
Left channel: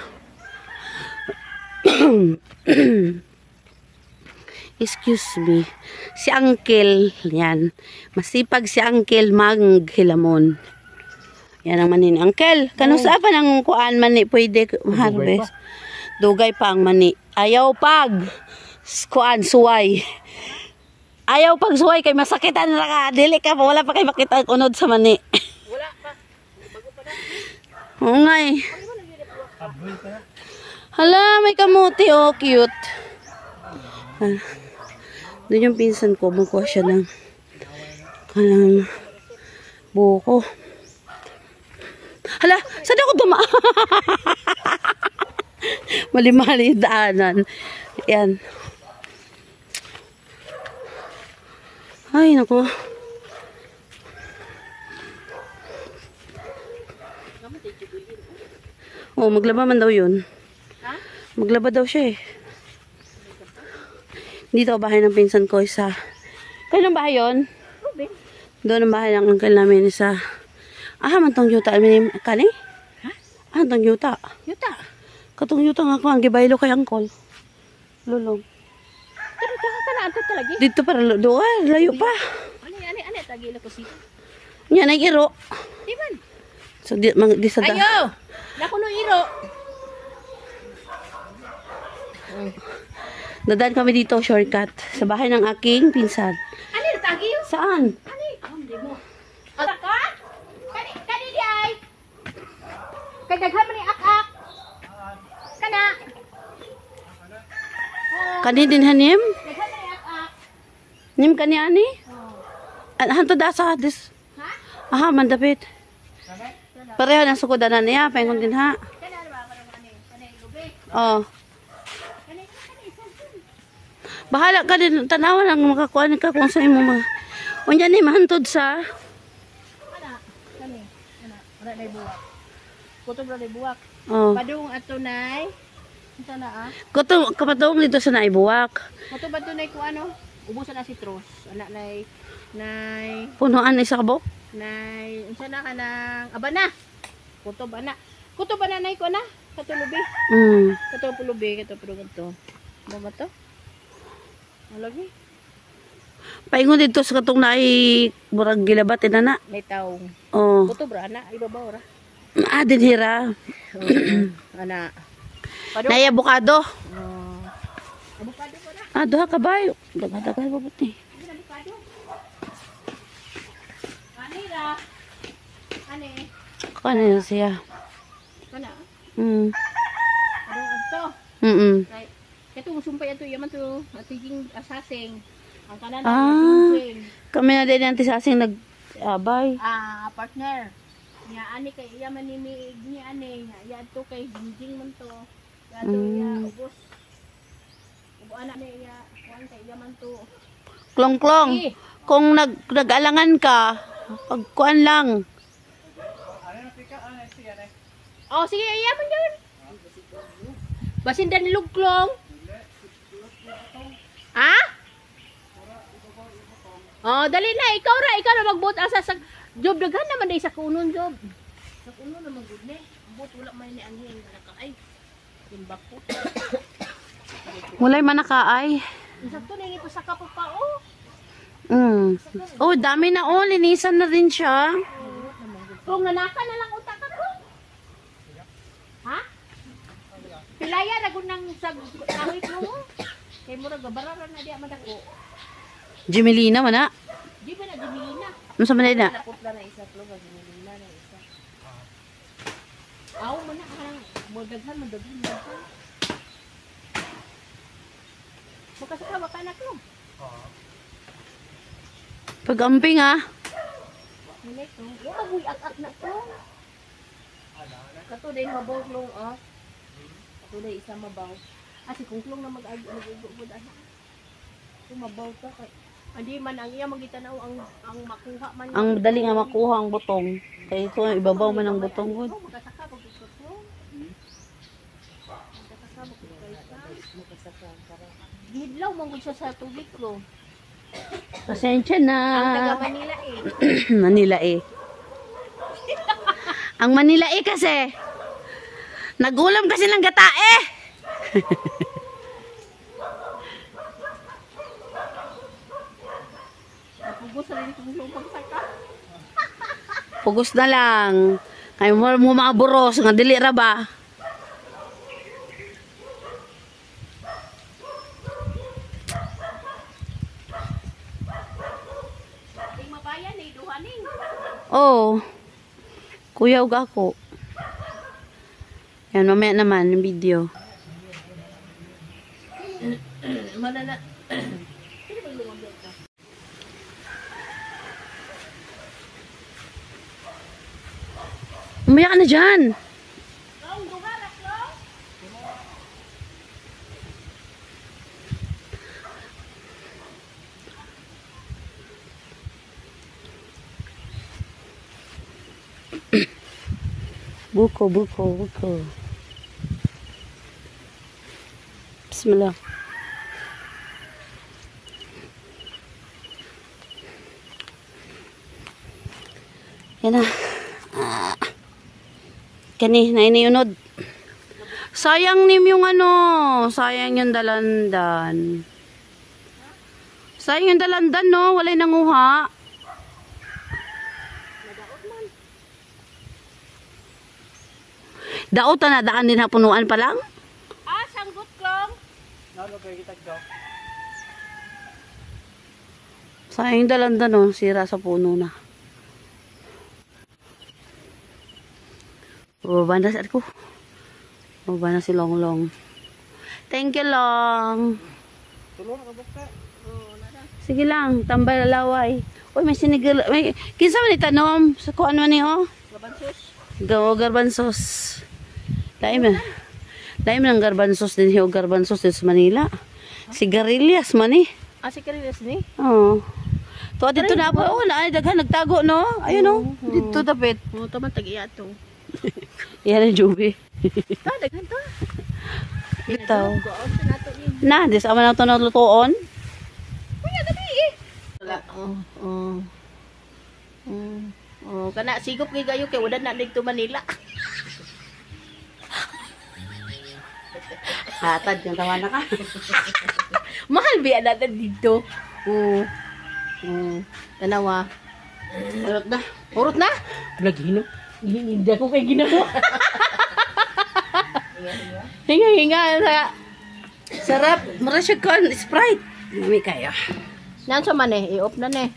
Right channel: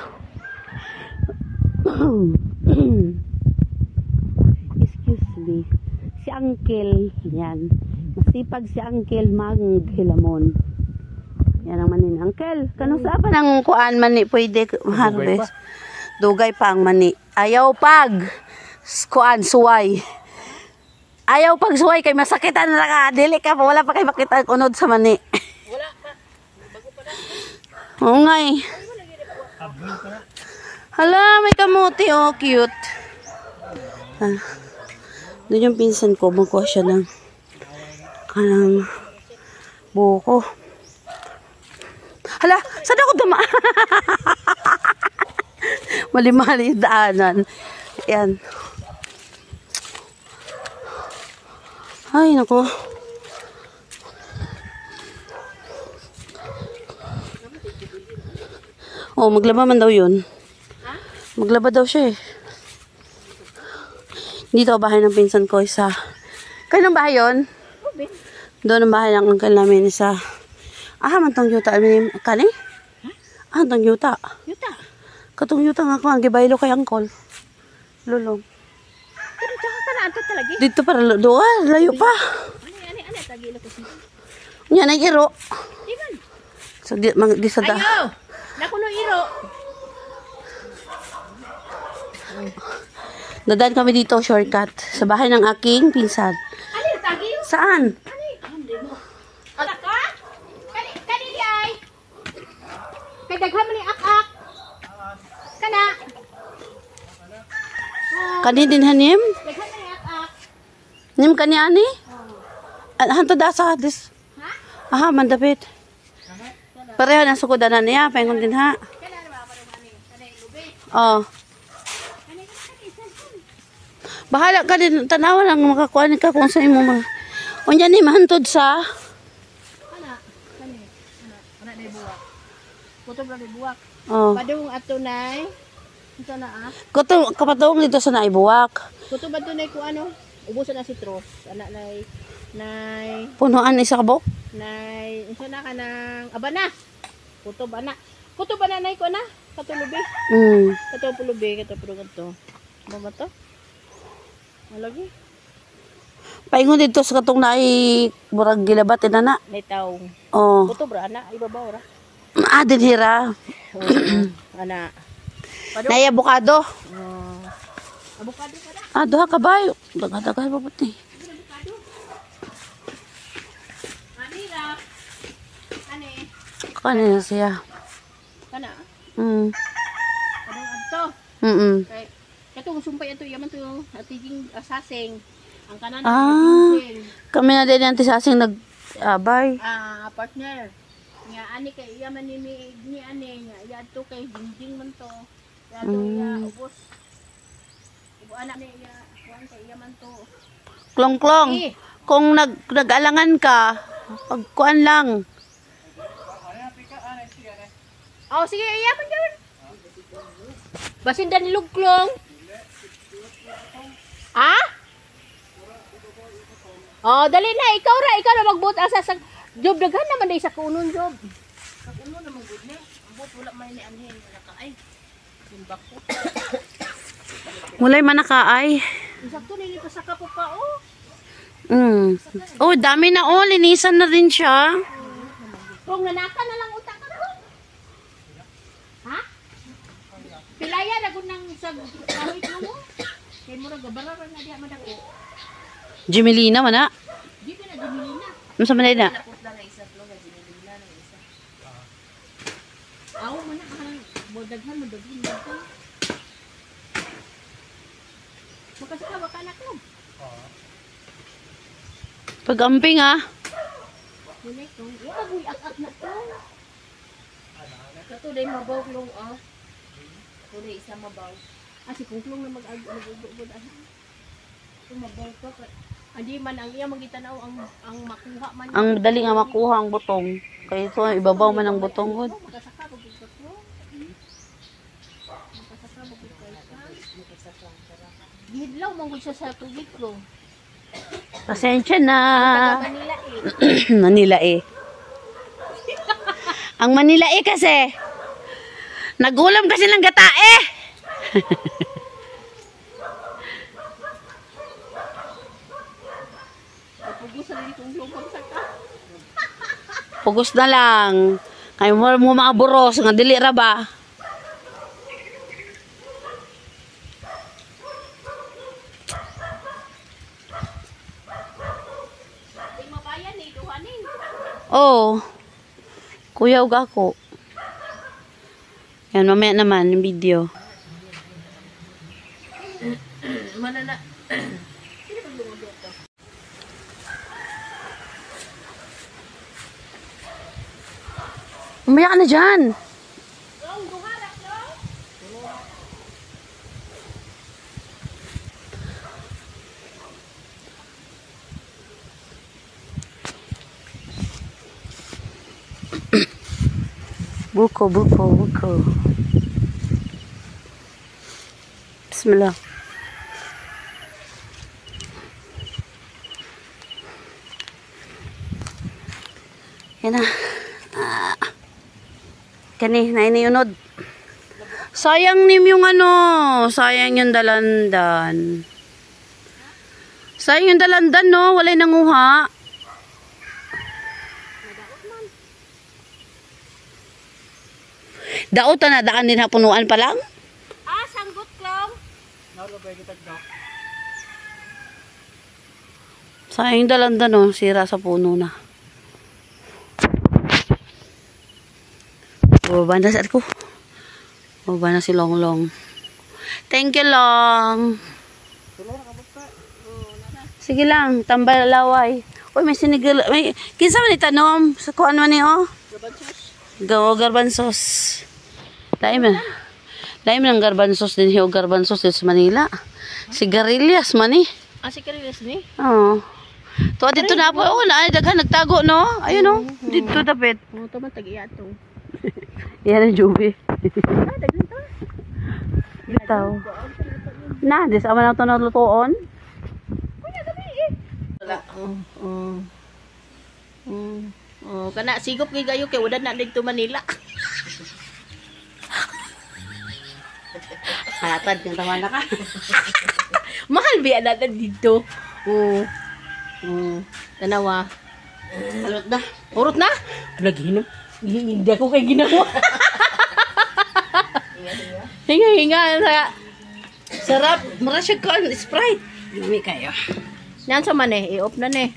Excuse me. Si Uncle, yan. Masipag si Uncle Maghilamon. Yan ang mani ni Uncle. Kano sa pa ng kuan mani pwede harvest? Dugay pa ang mani. Ayaw pag kuan suway. Ayaw pag suway kay masakitan na ka. Dili ka pa. Wala pa kay makita unod sa mani. Wala pa. Bago pa na. Oo nga eh. Hala, may kamuti. Oh, cute. Ah. Doon yung pinsan ko. Magkuha siya ng buko. Hala, saan ako dama? Mali-mali yung daanan. Yan. Ay, naku. Oh, maglaba man daw yun. Ha? Maglaba daw siya eh. Dito bahay ng pinsan ko isa. Kailan bahay yun? Doon ang bahay ng uncle namin isa. Ah, mantong yuta. Kaling? Ha? Ah, mantong yuta. Yuta. Katong yutang ako ang gibaylo kay angkol. Lulong. Pero tsaka ka na ato talaga. Dito para doon, layo pa. Ano, tagila ko si. Nya na iro. Di man. So di sa da. Ayo! Nakuno iro. Dadaan kami dito shortcut sa bahay ng aking pinsan. Ano, tagi? Saan? Ano, mo. Ala ka? Kani di ay. Kay daghan man ni ak-ak. Kana. Kani din hanim? Daghan man ni ak-ak. Nim kani ani? Hanto da sa dis. Ha? Aha, mandapit. Pareho na sukodanan niya, paingon din ha. Kana ba parang ani? Kana lubi. Oh. Kani isan. Bahala ka din, tanawan ang makakuha ka kung sa imo mga. Unya ni mahantod sa Kana. Kani. Ana na buwak. Kutob ra buwak. oh. Padung ato nay. Unsa na ah? Kuto kapatong dito sa naibuwak. Kutob ato nay ko ano? Ubusan na citrus. Ana nay Punuan isa kabok. unsa na ka ng abana. Kutob ana. Kutob ana nay ko na. Katulubi. Mm. Katulubi, katulubi to. Ano ba to? Malagi. Paingon dito sa katong nai murag gilabat inana. May taong. Oh. Kutob ra ana, ibabaw ra. Ah, din hira. Ana. Naya abukado. Abukado ko na. Ah, duha ka bayo. Daga-daga pa puti. Abukado. Ani ra. Ani. Kanina siya. Kana. Mm. Padung adto. Kay katong sumpay ato yaman to atiging asasing. Ang kanan Ah. ating Kami na din ang tisasing nag-abay. partner. Nga ani kay iya man ni ani nga iya to kay jingjing man to. Ya to iya ubos. Ubo anak ni iya kuan kay iya man to. Klong-klong. Eh. Kung nag-alangan ka, pagkuan lang. Oh sige iya man jud. Basin dan lugklong. Ah? Oh, dali na ikaw na magbuot asa sa job daghan naman day sa kunon job. Sa kunon naman gud ni. Ang buot wala may ni anhin nakaay. Simbak ko. Mulay man nakaay. Isakto ni pa sa kapo pa oh. Mm. Oh, dami na oh. Linisan na rin siya. Kung nanaka na lang utak ka ron. Ha? Pilaya na gud nang sa kawit mo. Kay mura gabararan na diya madako. Jimelina man na. Di ba na dimilina? Ano sa manay na? Nakutla na isa plo kasi dimilina na isa. Aw man na ang bodaghan mo daghan mo. Makasaka ba ka anak mo? Pag-amping ah. Nilay ko. Iya maguy ak na to. Kato day mabaw klong ah. Kato day isa mabaw. Ah si kungklong na mag-ugod ana. Kung mabaw ka kay andi man ang iya magitanaw ang makuha man. Ang dali nga makuha ang butong. Kaya ito, ibabaw man ang butong gud. Makasaka ba gud ko? Makasaka ba gud kay ka? Makasaka para. Gidlaw man gud siya sa tubig ko. Pasensya na. Taga Manila eh. Manila eh. Ang Manila eh kasi. Nagulam kasi ng gata eh. Pugos na rin kung yung pagsaka. Pugos na lang. Kaya mo mga buros. Nga dili ra ba? Ting mabayan eh, duhaning. Oh. Kuya ug ako. Yan, mamaya naman yung video. Malala. Umaya ka na dyan. Buko. Bismillah. Yan na. Kani, nainiyunod. Sayang nim yung ano. Sayang yung dalandan. Sayang yung dalandan, no? Walay nanguha. Daot na daan din hapunuan pa lang? Ah, sanggot lang. Sayang yung dalandan, no? Sira sa puno na. Baba na sa ko. Baba na si Longlong. Thank you, Long. Sige lang, tambal laway. Uy, may sinigal. May, kinsa man itanom? Sa kuan man ni, oh? Garbansos. Laim na. Laim ng garbansos din siya. Garbansos din sa Manila. Sigarilyas man eh. Ah, si Karilis ni? Oo. Tuwa dito na po. Oo, daghan nagtago, no? Ayun, no? Dito tapit. Oo, ito man tag-iya to. Yan ang jubi. Ah, daghan to. Ito. Na, di sa aman na ito nalutoon. Kana sigop kay gayo kay wala na dito Manila. Hatad yung tawa na ka. Mahal biya na dito. Oo. Tanawa. Alot na. Urot na? Naghinom. Hindi ako kay ginawa. Hinga-hinga sa Sarap. Marasya ko ang Sprite. Mami kayo. Nan sa man eh, i-off na ne.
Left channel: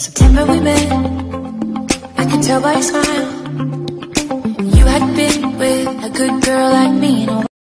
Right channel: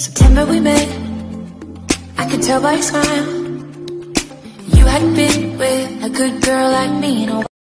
September we met. I could tell by your smile. You hadn't been with a good girl like me in a while.